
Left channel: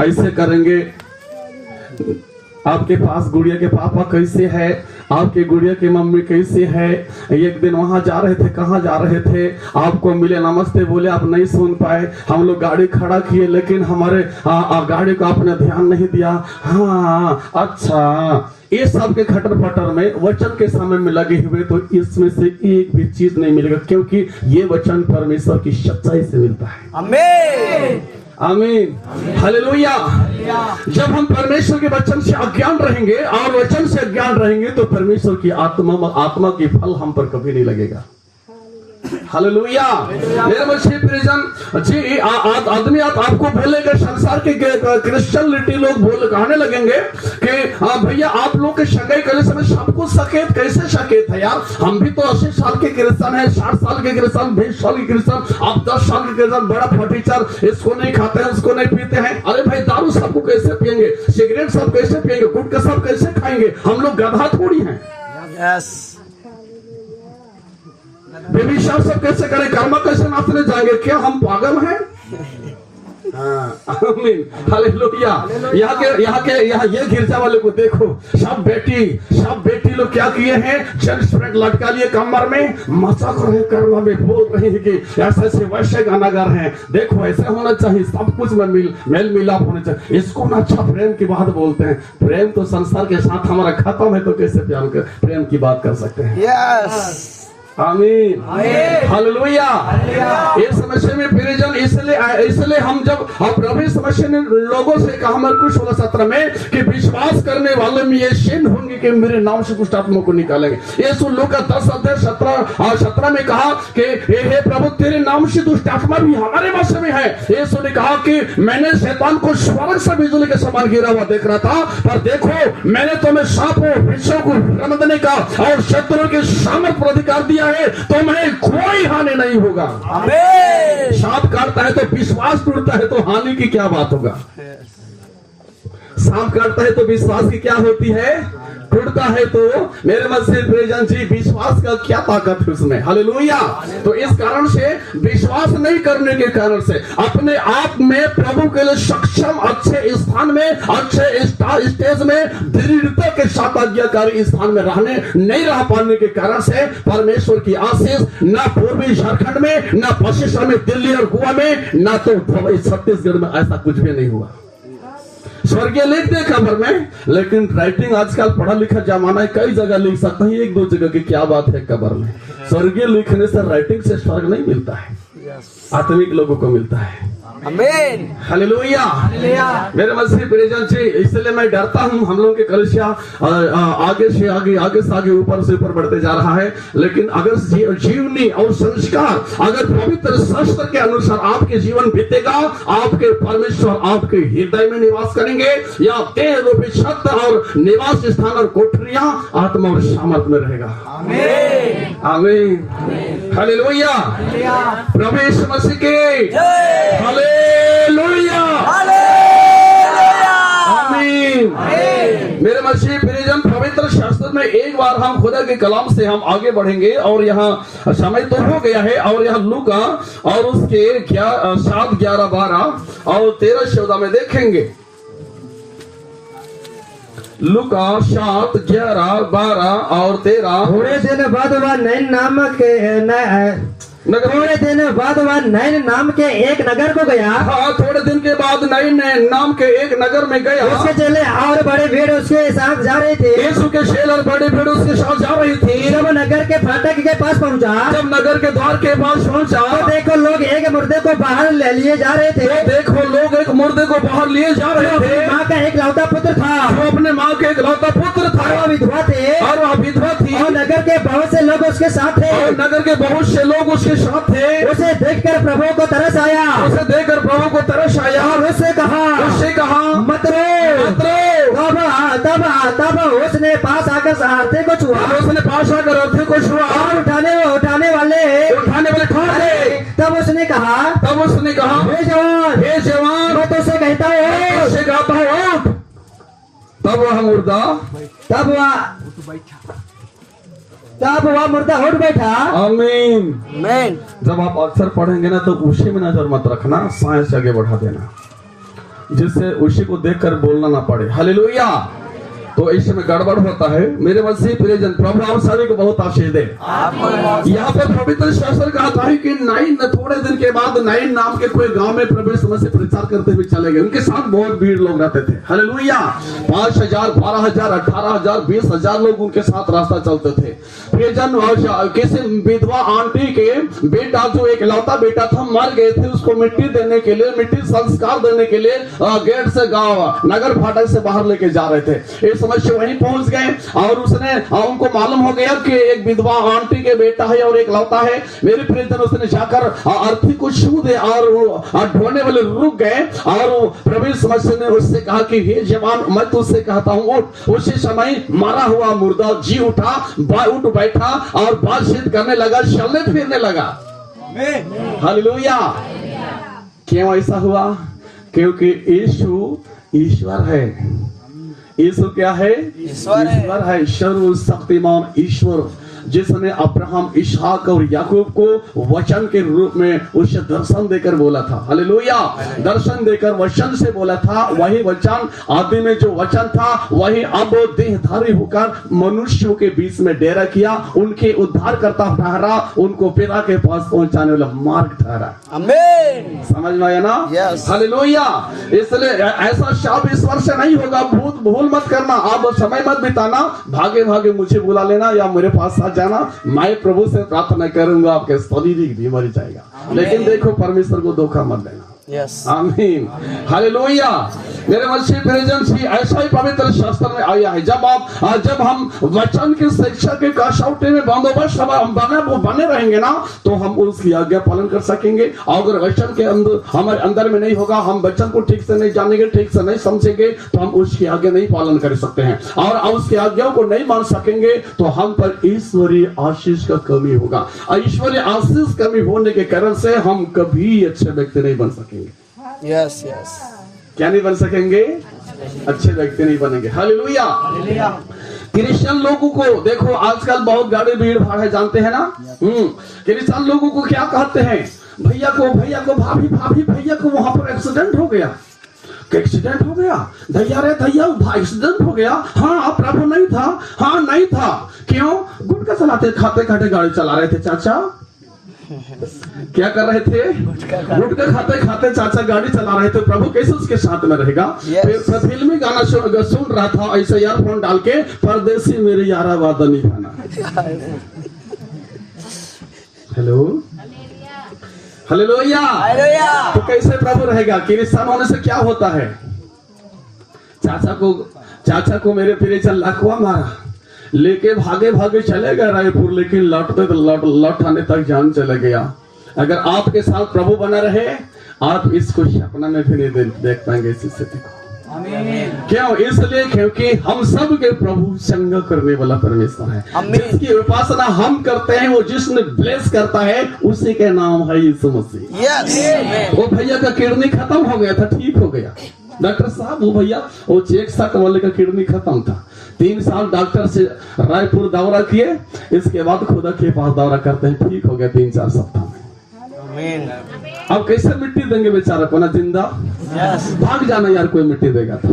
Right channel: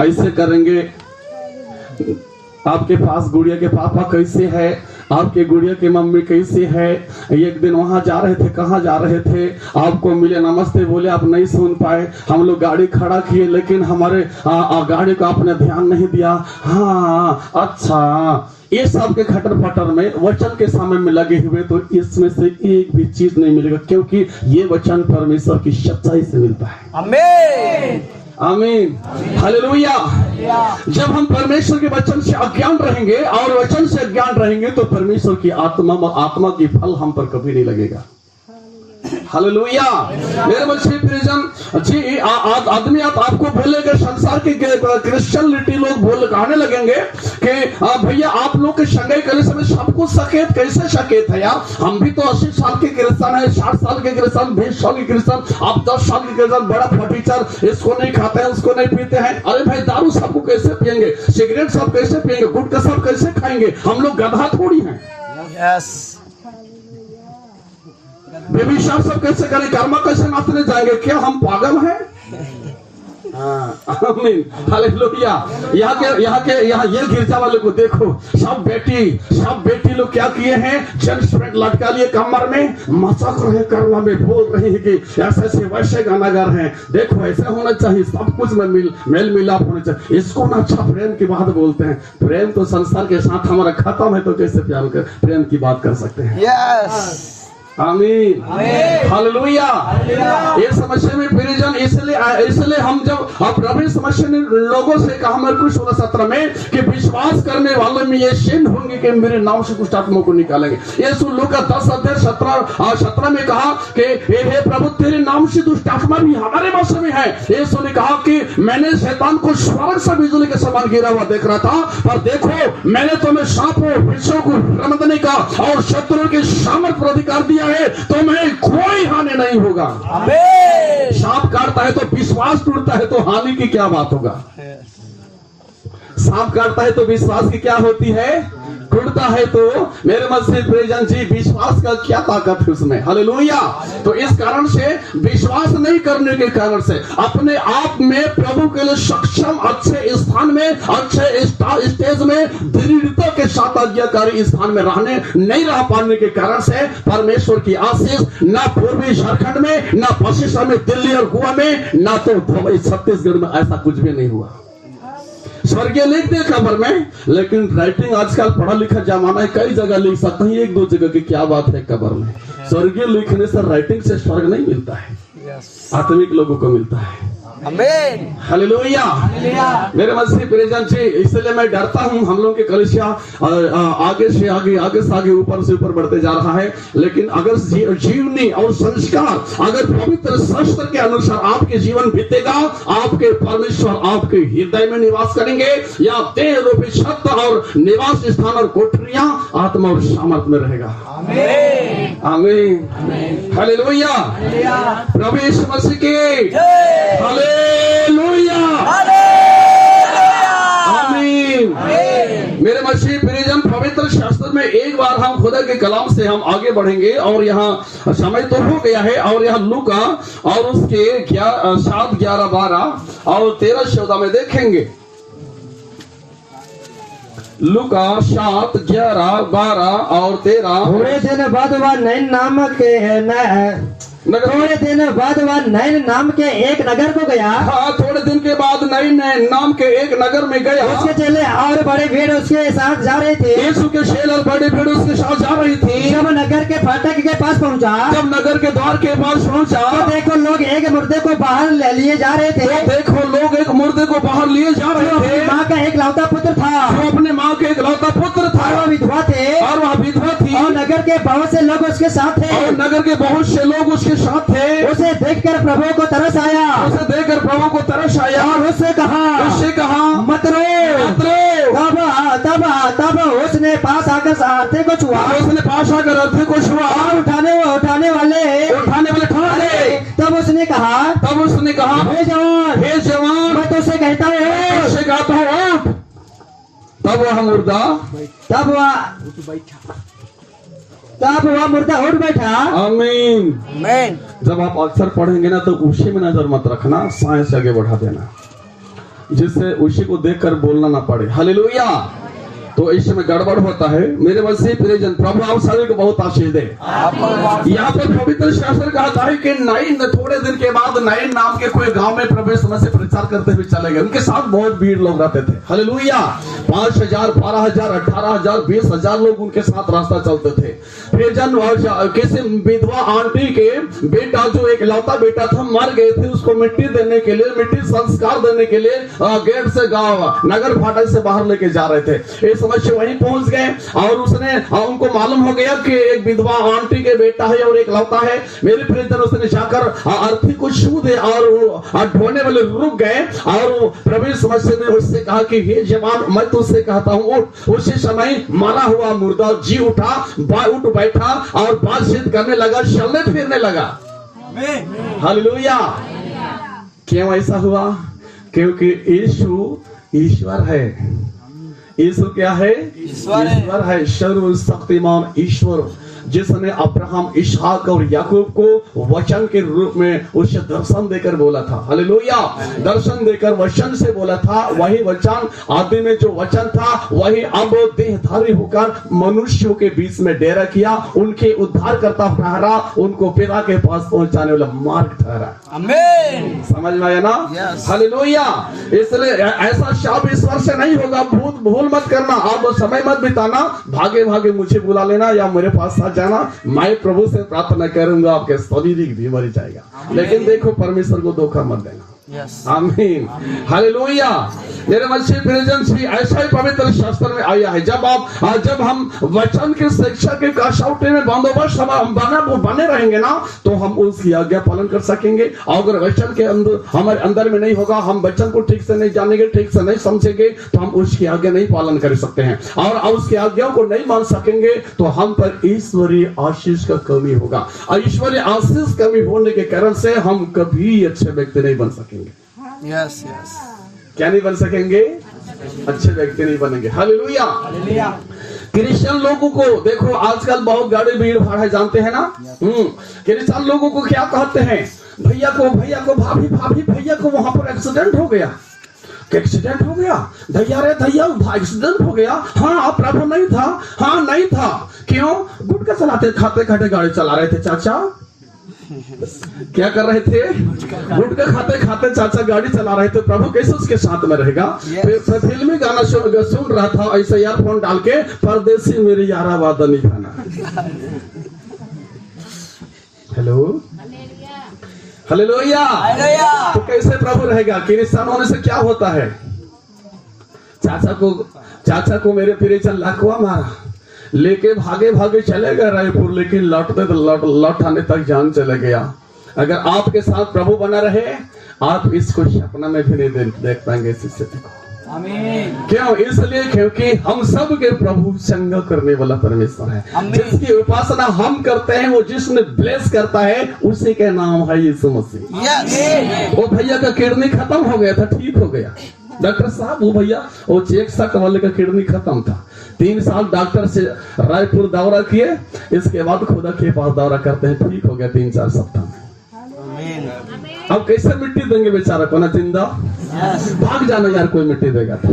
ऐसे करेंगे, आपके पास गुड़िया के पापा कैसे है, आपके गुड़िया की मम्मी कैसी है, एक दिन वहां जा रहे थे, कहाँ जा रहे थे, आपको मिले, नमस्ते बोले, आप नहीं सुन पाए, हम लोग गाड़ी खड़ा किए लेकिन हमारे गाड़ी को आपने ध्यान नहीं दिया, हाँ अच्छा, ये सब के खटर पटर में वचन के समय में लगे हुए तो इसमें से एक भी चीज नहीं मिलेगा, क्योंकि ये वचन परमेश्वर की सच्चाई से मिलता है। आमीन आमीन, हालेलुया। जब हम परमेश्वर के वचन से अज्ञान रहेंगे और वचन से अज्ञान रहेंगे तो परमेश्वर की आत्मा की फल हम पर कभी नहीं लगेगा। हालेलुया। मेरे मसीह प्रियजन जी, आदमी आपको बोलेगा, संसार के क्रिश्चियनिटी लोग कहने लगेंगे कि भैया आप लोग के संगई करे समय सबको सकेत, कैसे सकेत है यार, हम भी तो 80 साल के क्रिश्चियन है, 60 साल के क्रिश्चियन, 20 साल के क्रिश्चियन, आप 10 साल के क्रिश्चियन, बड़ा फटीचर, इसको नहीं खाते हैं, उसको नहीं पीते हैं। अरे भाई दारू सबको कैसे पियेंगे, सिगरेट सब कैसे पियेंगे, गुटखा सब कैसे खाएंगे, हम लोग गधा थोड़ी हैं। यस, बेबीशार सब कैसे करें, कर्मा कैसे नाचने जाएंगे, क्या हम पागल हैं? आमीन, हालेलुया। यहाँ के ये गिरजा वाले को देखो, सब बेटी लोग क्या किए हैं, जेंट्स पैंट लटका लिए कमर में, मचक रहे, कर्मा में बोल रहे हैं कि ऐसे वैसे गाना गा रहे हैं, देखो ऐसा होना चाहिए, सब कुछ में मेल मिलाप होना चाहिए। इसको ना अच्छा प्रेम की बात बोलते हैं, प्रेम तो संसार के साथ हमारा खत्म है, तो कैसे प्रेम की बात कर सकते हैं? यस, आमीन, हालेलुया। इस समस्या में प्रियजन, इसलिए हम जब प्रभु समस्या ने लोगों से कहा मरकुस 16:17 में कि विश्वास करने वालों में ये चिन्ह होंगे कि मेरे नाम से कुछ आत्मा को निकालेंगे। यीशु लूका 10:17 में कहा कि हे प्रभु तेरे नाम से दुष्ट आत्मा भी हमारे वश में है। यीशु ने कहा कि मैंने शैतान को स्वर्ग से बिजली के समान गिरा हुआ देख रहा था, पर देखो मैंने तुम्हें सांपों वृक्षों को रमदने का और शत्रुओं के सामर्थ पर अधिकार दिया है, तुम्हें कोई हानि नहीं होगा। आमीन। सांप काटता है तो विश्वास टूटता है, तो हानि की क्या बात होगा? सांप काटता है तो विश्वास की क्या होती है, टूटता है। तो मेरे मसीह प्रियजन जी, विश्वास का क्या ताकत है उसमें, हालेलुया। तो इस कारण से विश्वास नहीं करने के कारण से अपने आप में प्रभु के लिए सक्षम, अच्छे स्थान में, अच्छे स्टेज में, दृढ़ता के साथ आज्ञाकारी स्थान में नहीं रह पाने के कारण से परमेश्वर की आशीष ना पूर्वी झारखंड में, ना पश्चिम में, दिल्ली और गोवा में, ना तो दुबई छत्तीसगढ़ में ऐसा कुछ भी नहीं हुआ। स्वर्गीय लिख दे खबर में, लेकिन राइटिंग आजकल पढ़ा लिखा जमाना है, कई जगह लिख सकते हैं, एक दो जगह की क्या बात है खबर में। स्वर्गीय लिखने से, राइटिंग से स्वर्ग नहीं मिलता है, आत्मिक लोगों को मिलता है। आमीन, हालेलुया। मेरे मसीह प्रियजन जी, इसलिए मैं डरता हूं, हम लोग के कलीसिया आगे से आगे ऊपर से ऊपर बढ़ते जा रहा है, लेकिन अगर जीवनी और संस्कार अगर पवित्र शास्त्र के अनुसार आपके जीवन बीतेगा, आपके परमेश्वर आपके हृदय में निवास करेंगे, या देह रूपी छत और निवास स्थान और कोठरियां आत्मा और सामर्थ में रहेगा। आमीन, आमीन, हालेलुया। प्रभु यीशु मसीह के हालेलुया, आमीन। मेरे मसीह प्रियजन, पवित्र शास्त्र में एक बार हम खुदा के कलाम से हम आगे बढ़ेंगे, और यहाँ समय तो हो गया है, और यहाँ लूका और उसके 7, 11, 12 और 13 14 में देखेंगे। लूका 7, 11, 12 और 13। थोड़े दिन बाद वह नैन नाम के एक नगर को गया। हाँ, थोड़े दिन के बाद नैन नाम के एक नगर में गया। उसके चेले और बड़े भीड़ उसके साथ जा रहे थे। यीशु के चेले और बड़े भीड़ उसके साथ जा रही थी। जब नगर के फाटक के पास पहुंचा, जब नगर के द्वार के पास पहुंचा, तो देखो लोग एक मुर्दे को बाहर ले लिए जा रहे थे। देखो लोग एक मुर्दे को बाहर लिए जा रहे थे। माँ का एक लौता पुत्र था, जो अपने माँ के एक लौता पुत्र था, वह विधवा थे, और वह विधवा थी, और नगर के बहुत से लोग उसके साथ थे। और नगर के बहुत से लोग उसके साथ थे। उसे देखकर प्रभु को तरस आया, उसे देखकर प्रभु को तरस आया, और उससे कहा मत रो, तब तब उसने पास आकर सारथी को छुआ, उसने पास आकर अर्थी को छुआ, और उठाने वाले ठा ले। तब उसने कहा हे जवान, हे जवान, मैं तो उसे कहता हूँ, उससे कहता हूँ आप। तब वह मुर्दा उठ बैठा। आमीन। Amen. जब आप अक्सर पढ़ेंगे ना तो उसी में नजर मत रखना, साइंस आगे बढ़ा देना, जिससे उसी को देखकर बोलना ना पड़े। हालेलुया। तो इसमें गड़बड़ होता है। मेरे मसीह प्रियजन, प्रभु आप सभी को बहुत आशीष दे। आपको भी बहुत यहाँ पर पवित्र शास्त्र कहता है कि नाइन थोड़े दिन के बाद नाइन नाम के कोई गांव में प्रभु यीशु मसीह प्रचार करते हुए चले गए। उनके साथ बहुत भीड़ लोग रहते थे। हालेलुया। 5,000, 12,000, 18,000, 20,000 लोग उनके साथ रास्ता चलते थे। प्रियजन, किसी विधवा आंटी के बेटा, जो एक लौता बेटा था, मर गए थे। उसको मिट्टी देने के लिए, मिट्टी संस्कार देने के लिए गेट से गांव नगर फाटक से बाहर लेके जा रहे थे। इस समय से वहीं पहुंच गए और उसने उनको मालूम हो गया कि एक विधवा आंटी के बेटा है और एक लौता है। मेरे प्रियजन, उसने जाकर अर्थी को छू दे और ढोने वाले रुक गए और प्रभु यीशु मसीह ने उससे कहा कि हे जवान, मैं तुझसे कहता हूं उठ। उसी समय मरा हुआ मुर्दा जी उठा, उठ बैठा और बातचीत करने लगा, चलने फिरने लगा। हालेलुया। क्यों ऐसा हुआ? क्योंकि यीशु ईश्वर है। यीशु क्या है? ईश्वर है। ईश्वर है, सर्वशक्तिमान ईश्वर, जिसने अब्राहम, इसहाक और याकूब को वचन के रूप में उसे दर्शन देकर बोला था। हालेलुया। दर्शन देकर वचन से बोला था। वही वचन, आदि में जो वचन था, वही अब देहधारी होकर मनुष्यों के बीच में डेरा किया, उनके उद्धारकर्ता ठहरा, उनको पिता के पास पहुंचाने वाला मार्ग ठहरा। Amen. समझ में आया ना? Yes. हालेलुया। इसलिए ऐसा शाप ईश्वर से नहीं होगा। भूल मत करना, आप समय मत बिताना, भागे भागे मुझे बुला लेना या मेरे पास आ जाना। मैं प्रभु से प्रार्थना करूंगा, आपके शारीरिक भी मर जाएगा। लेकिन देखो, परमेश्वर को धोखा मत देना। Yes. आमीन। हालेलुया। मेरे मसीह प्रियजन, ऐसा ही पवित्र शास्त्र में आया है। जब हम वचन के शिक्षा के कसौटी में बंदोबस्त बने रहेंगे ना, तो हम उसकी आज्ञा पालन कर सकेंगे। अगर वचन के अंदर हमारे अंदर में नहीं होगा, हम वचन को ठीक से नहीं जानेंगे, ठीक से नहीं समझेंगे, तो हम उसकी आज्ञा नहीं पालन कर सकते हैं। और उसकी आज्ञा को नहीं मान सकेंगे तो हम पर ईश्वरीय आशीष का कमी होगा। ईश्वरीय आशीष कमी होने के कारण से हम कभी अच्छे व्यक्ति नहीं बन सकेंगे। Yes, yes. क्या नहीं बन सकेंगे? अच्छे व्यक्ति नहीं बनेंगे। हालेलुया। क्रिश्चियन लोगों को देखो, आजकल बहुत गाड़ी भीड़ भाड़ है, जानते हैं ना? क्रिश्चियन लोगों को क्या कहते हैं? भैया को भाभी भैया को वहां पर एक्सीडेंट हो गया। एक्सीडेंट हो गया? दैया रे दैया, एक्सीडेंट हो गया। हाँ, प्रभु नहीं था। हाँ, नहीं था। क्यों? गुटखा चलाते खाते गाड़ी चला रहे थे चाचा। क्या कर रहे थे? गुटखा खाते चाचा गाड़ी चला रहे थे। प्रभु कैसे उसके साथ में रहेगा? फिर फिल्मी गाना सुन रहा था, ऐसे ईयरफोन डाल के, परदेसी मेरी यारा वादा नहीं खाना। Hello, hallelujah. तो कैसे प्रभु रहेगा? क्रिश्चियन होने से क्या होता है? चाचा को मेरे प्रियजन लकवा मारा, लेके भागे चले गए रायपुर, लेकिन लौट आने तक जान चले गया। अगर आपके साथ प्रभु बना रहे, आप इसको सपना में भी नहीं देख पाएंगे इस स्थिति को। क्यों? इसलिए क्योंकि हम सब के प्रभु संग करने वाला परमेश्वर है। जिसकी उपासना हम करते हैं, वो जिसने ब्लेस करता है, उसी के नाम है यीशु मसीह। Yes. वो भैया का किडनी खत्म हो गया था, ठीक हो गया। डॉक्टर साहब, वो भैया वो चेक सा कमल का किडनी खत्म था। 3 साल डॉक्टर से रायपुर दौरा किए, इसके बाद खुदा के पास दौरा करते हैं, ठीक हो गया 3-4 सप्ताह में। अब कैसे मिट्टी देंगे बेचारा को? ना जिंदा। Yes. भाग जाना यार, कोई मिट्टी देगा तो।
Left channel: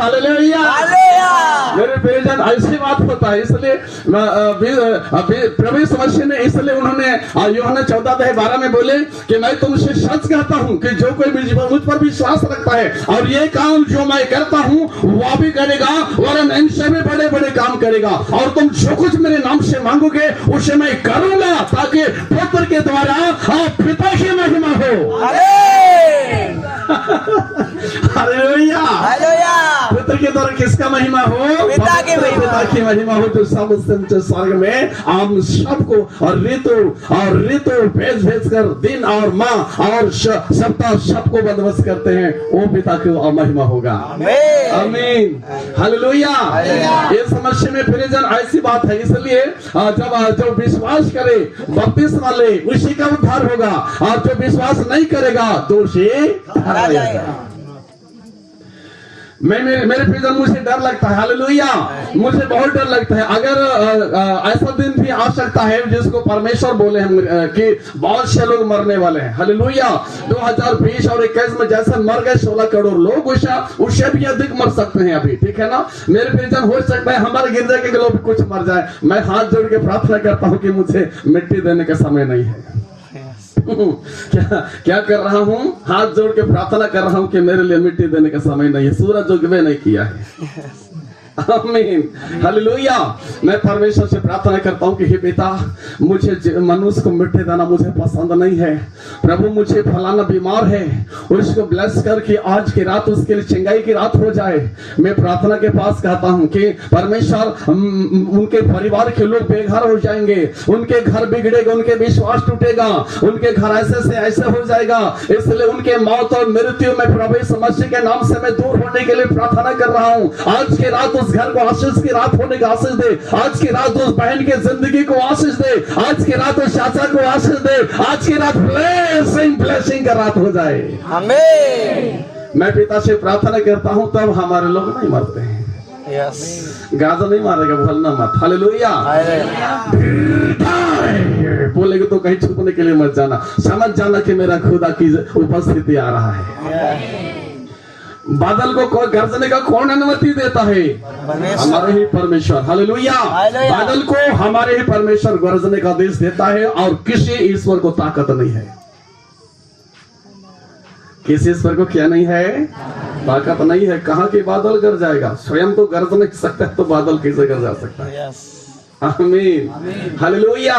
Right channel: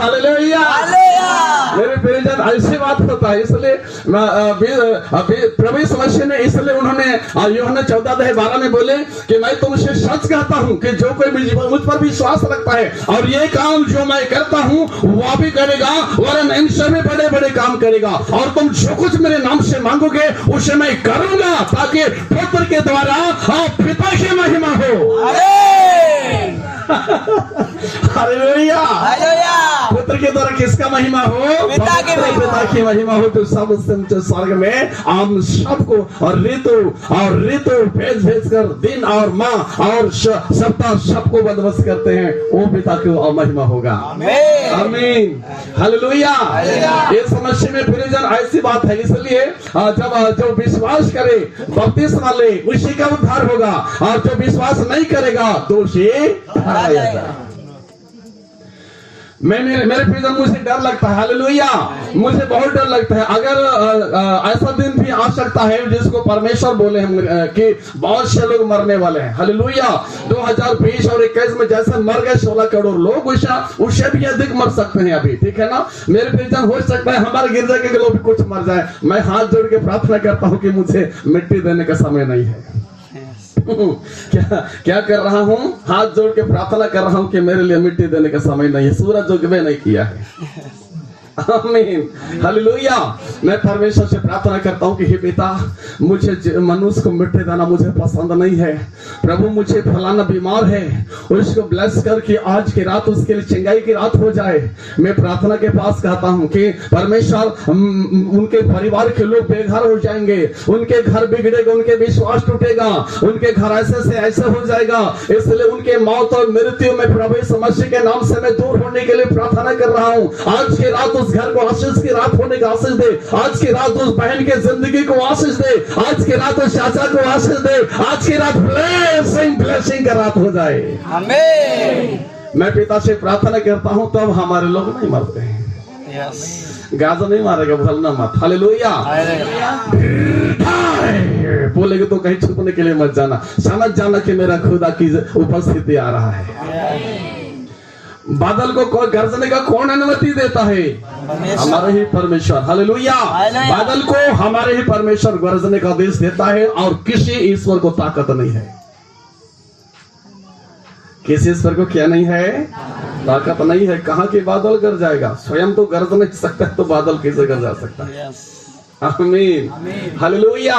हालेलुया। मेरे प्रियजन, ऐसी बात होता है। इसलिए प्रभु यीशु मसीह ने, इसलिए उन्होंने यूहन्ना 14:12 में बोले कि मैं तुमसे सच कहता हूं कि जो कोई मुझ पर विश्वास रखता है और ये काम जो मैं करता हूं वह भी करेगा, वरन इनसे भी बड़े काम करेगा। और तुम जो कुछ मेरे नाम से मांगोगे उसे मैं करूंगा, ताकि पुत्र के द्वारा आप पिता की महिमा हो। Amen. हालेलुया। Hallelujah. पुत्र के द्वारा किसका महिमा हो? पिता की महिमा। पिता की महिमा हो। तो सब ऊंचे स्वर्ग में हम सबको और ऋतु भेज कर दिन और माह और सप्ताह सबको बंदोबस्त करते हैं, वो पिता की महिमा होगा। आमीन, हालेलुया। ये समस्या में प्रियजन ऐसी बात है, इसलिए जब जो विश्वास करे बपतिस्मा ले उसी का उद्धार होगा, और जो विश्वास नहीं करेगा दोषी ठहराया जाएगा। मेरे प्रियजन, मुझे डर लगता है, हालेलुया, मुझे बहुत डर लगता है। अगर ऐसा दिन भी आ सकता है जिसको परमेश्वर बोले हम कि बहुत से लोग मरने वाले हैं, हालेलुया। 2020 और 21 में जैसे मर गए 16 करोड़ लोग, उससे भी अधिक मर सकते हैं अभी, ठीक है ना मेरे प्रियजन। हो सकता है हमारे गिरजा के लोग भी कुछ मर जाए। मैं हाथ जोड़ के प्रार्थना करता हूँ कि मुझे मिट्टी देने का समय नहीं है। क्या कर रहा हूँ? हाथ जोड़ के प्रार्थना कर रहा हूँ कि मेरे लिए मिट्टी देने का समय नहीं है। सूरज उगवे नहीं किया है। आमीन, हालेलुया। मैं परमेश्वर से प्रार्थना करता हूँ कि हे पिता, मुझे मनुष्य को मिट्टी देना मुझे पसंद नहीं है। प्रभु, मुझे फलाना बीमार है, उसको ब्लेस करके आज की रात उसके लिए चंगाई की रात हो जाए। मैं प्रार्थना के पास कहता हूँ कि परमेश्वर, उनके परिवार के लोग बेघर हो जाएंगे, उनके घर बिगड़ेगा, उनके विश्वास टूटेगा, उनके घर ऐसे से ऐसे हो जाएगा। इसलिए उनके मौत और मृत्यु में प्रभु यीशु मसीह के नाम से मैं दूर होने के लिए प्रार्थना कर रहा हूँ। आज की रात उस घर को आशीष की रात होने का आशीष दे। आज की रात उस बहन के जिंदगी को आशीष दे। आज की रात उस चाचा को आशीष दे। आज की रात ब्लेसिंग का रात हो जाए। आमीन। मैं पिता से प्रार्थना करता हूँ तब हमारे लोग नहीं मरते हैं। यस, गाजा नहीं मारेगा, भूलना मत। हालेलुया। बोलेगे तो कहीं छुपने के लिए मत जाना, समझ जाना कि मेरा खुदा की उपस्थिति आ रहा है। बादल को गरजने का कौन अनुमति देता है? हमारे ही परमेश्वर। हालेलुया। बादल को हमारे ही परमेश्वर गरजने का आदेश देता है, और किसी ईश्वर को ताकत नहीं है। किसी ईश्वर को क्या नहीं है? ताकत नहीं है। कहाँ के बादल गर जाएगा? स्वयं तो गरज नहीं सकता, तो बादल कैसे गर जा सकता है? आमीन, हालेलुया।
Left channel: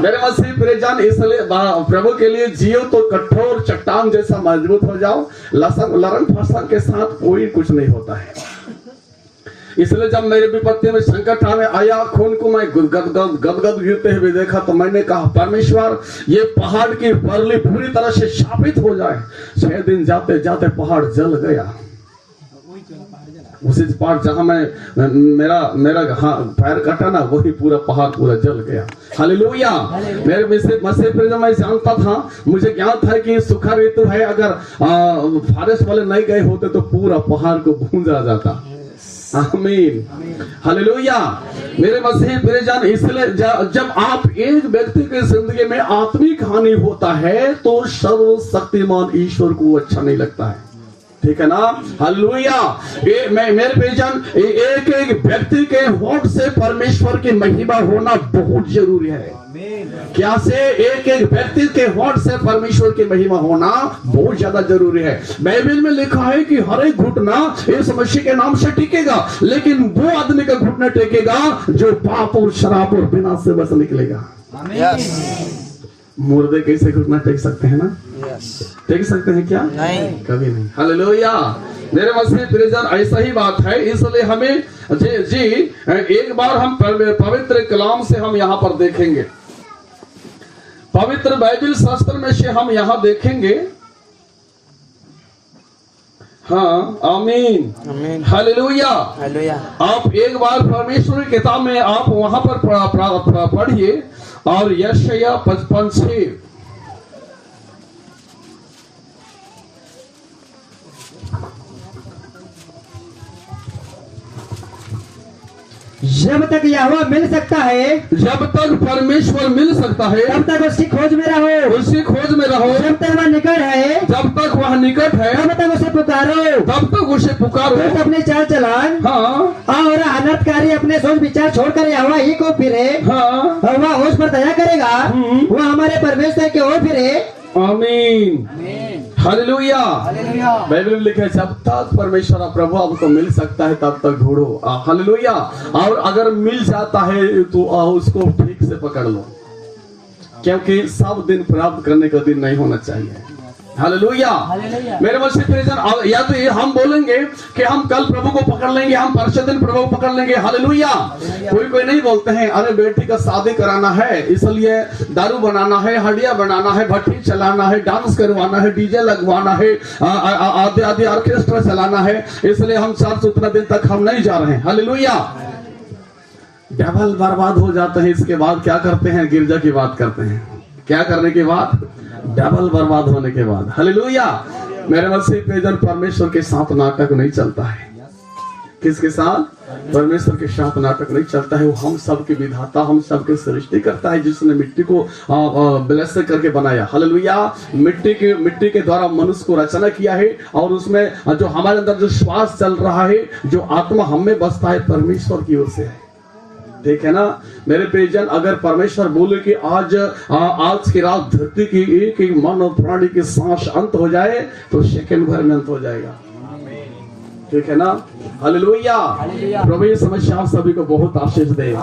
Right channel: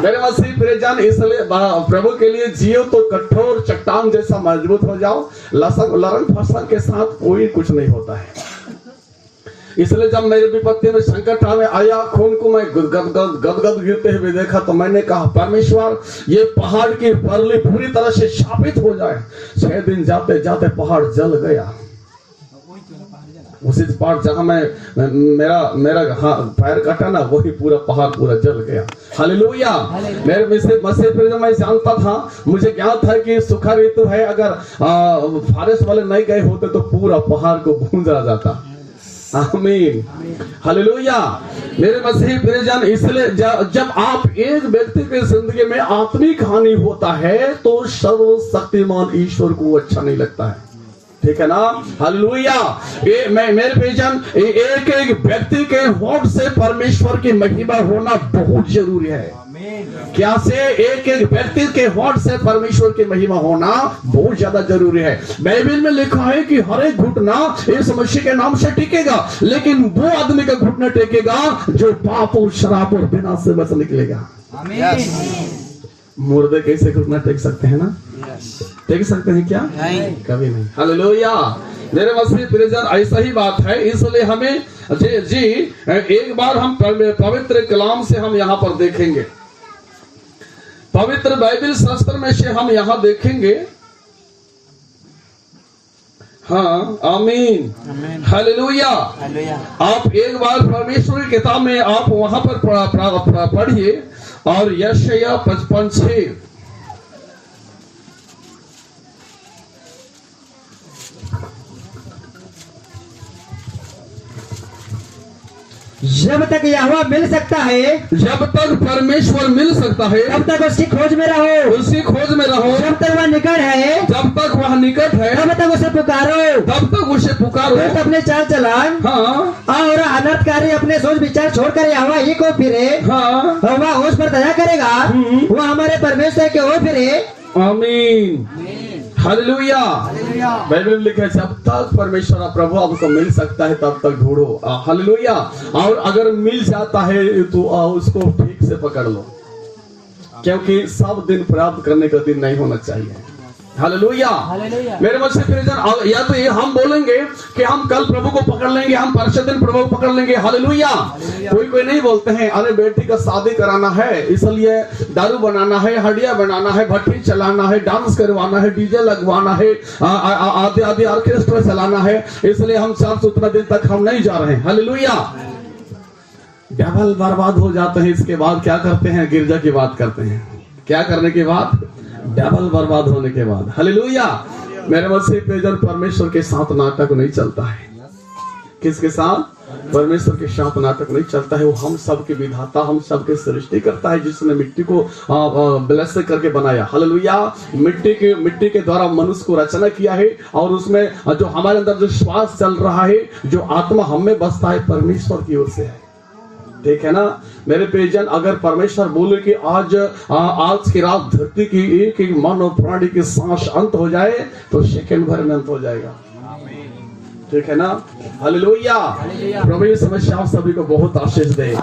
मेरे मसीह प्रियजन, इसलिए प्रभु के लिए जियो तो कठोर चट्टान जैसा मजबूत हो जाओ। लरम फसंग के साथ कोई कुछ नहीं होता है। इसलिए जब मेरे विपत्ति में संकट आया, खून को मैं गदगद गिरते हुए देखा, तो मैंने कहा परमेश्वर, ये पहाड़ की परली पूरी तरह से शापित हो जाए। 6 दिन जाते जाते पहाड़ जल गया। उसी पहाड़ जहां मेरा पैर कटा ना, वही पूरा पहाड़ पूरा जल गया। हालेलुया। मेरे मसीह प्रिय, मैं जानता था, मुझे ज्ञात था कि सूखा ऋतु है, अगर फारेस्ट वाले नहीं गए होते तो पूरा पहाड़ को गूंजा जाता। आमीन, हालेलुया। मेरे मसीह प्रियजन, इसलिए जब आप एक व्यक्ति की जिंदगी में आत्मिक हानि होता है तो सर्वशक्तिमान ईश्वर को अच्छा नहीं लगता है, ठीक है ना? हालेलुया। मेरे प्रियजन, एक एक व्यक्ति के होठ से परमेश्वर की महिमा होना बहुत जरूरी है। क्या से एक एक व्यक्ति के होठ से परमेश्वर की महिमा होना बहुत ज्यादा जरूरी है। बाइबल में लिखा है कि हर एक घुटना इस मसीह के नाम से टिकेगा, लेकिन वो आदमी का घुटना टिकेगा जो पाप और शराब और विनाश से बच निकलेगा। मुर्दे कैसे घुटना टेक सकते हैं ना? टेक सकते हैं क्या? नहीं, कभी नहीं। हालेलुया। मेरे मसीह प्रियजन, ऐसा ही बात है। इसलिए हमें जी एक बार हम पवित्र कलाम से हम यहाँ पर देखेंगे, पवित्र बाइबल शास्त्र में से हम यहाँ देखेंगे। हाँ, आमीन, हालेलुया। आप एक बार परमेश्वर की किताब में आप वहां पर पढ़िए, और यशायाह 55:6। जब तक यहोवा मिल सकता है, जब तक परमेश्वर मिल सकता है, तब तक उसकी खोज में रहो, उसकी खोज में रहो। जब तक वह निकट है, जब तक वह निकट है, तब तक उसे पुकारो, तब तक उसे पुकारो। तो अपने चाल चलन और अनर्थकारी अपने सोच विचार छोड़कर यहोवा ही को फिरे। वह उस पर दया करेगा, वह हमारे परमेश्वर की ओर फिरे। आमीन, हालेलुया। बाइबल में लिखा है जब तक परमेश्वर प्रभु आपको मिल सकता है तब तक ढूंढो। हालेलुया। और अगर मिल जाता है तो उसको ठीक से पकड़ लो, क्योंकि सब दिन प्राप्त करने का दिन नहीं होना चाहिए। हालेलुया। मेरे मसीह प्रियजन, या तो ये हम बोलेंगे कि हम कल प्रभु को पकड़ लेंगे, हम परसों दिन प्रभु को पकड़ लेंगे। हालेलुया। कोई नहीं बोलते हैं अरे बेटी का शादी कराना है इसलिए दारू बनाना है, हड्डियां बनाना है, भट्टी चलाना है, डांस करवाना है, डीजे लगवाना है, आधे आधे ऑर्केस्ट्रा चलाना है, इसलिए हम 417 दिन तक हम नहीं जा रहे हैं। हालेलुया। डबल बर्बाद हो जाते हैं। इसके बाद क्या करते हैं? गिरजा की बात करते हैं। क्या करने के बाद? डबल बर्बाद होने के बाद। हालेलुया। मेरे मसीह प्रियजन, परमेश्वर के साथ नाटक नहीं चलता है। किसके साथ? परमेश्वर के साथ नाटक नहीं चलता है। वो हम सबके विधाता, हम सबके सृष्टि करता है, जिसने मिट्टी को ब्लेस करके बनाया। हालेलुया। मिट्टी के द्वारा मनुष्य को रचना किया है, और उसमें जो हमारे अंदर जो श्वास चल रहा है, जो आत्मा हम में बसता है, परमेश्वर की ओर से है। ठीक है ना मेरे प्रियजन? अगर परमेश्वर बोले कि आज की रात धरती की एक एक मन और प्राणी की सांस अंत हो जाए, तो सेकंड भर में अंत हो जाएगा। ठीक है ना? हालेलुया। प्रभु ये समस्या आप सभी को बहुत आशीष दे।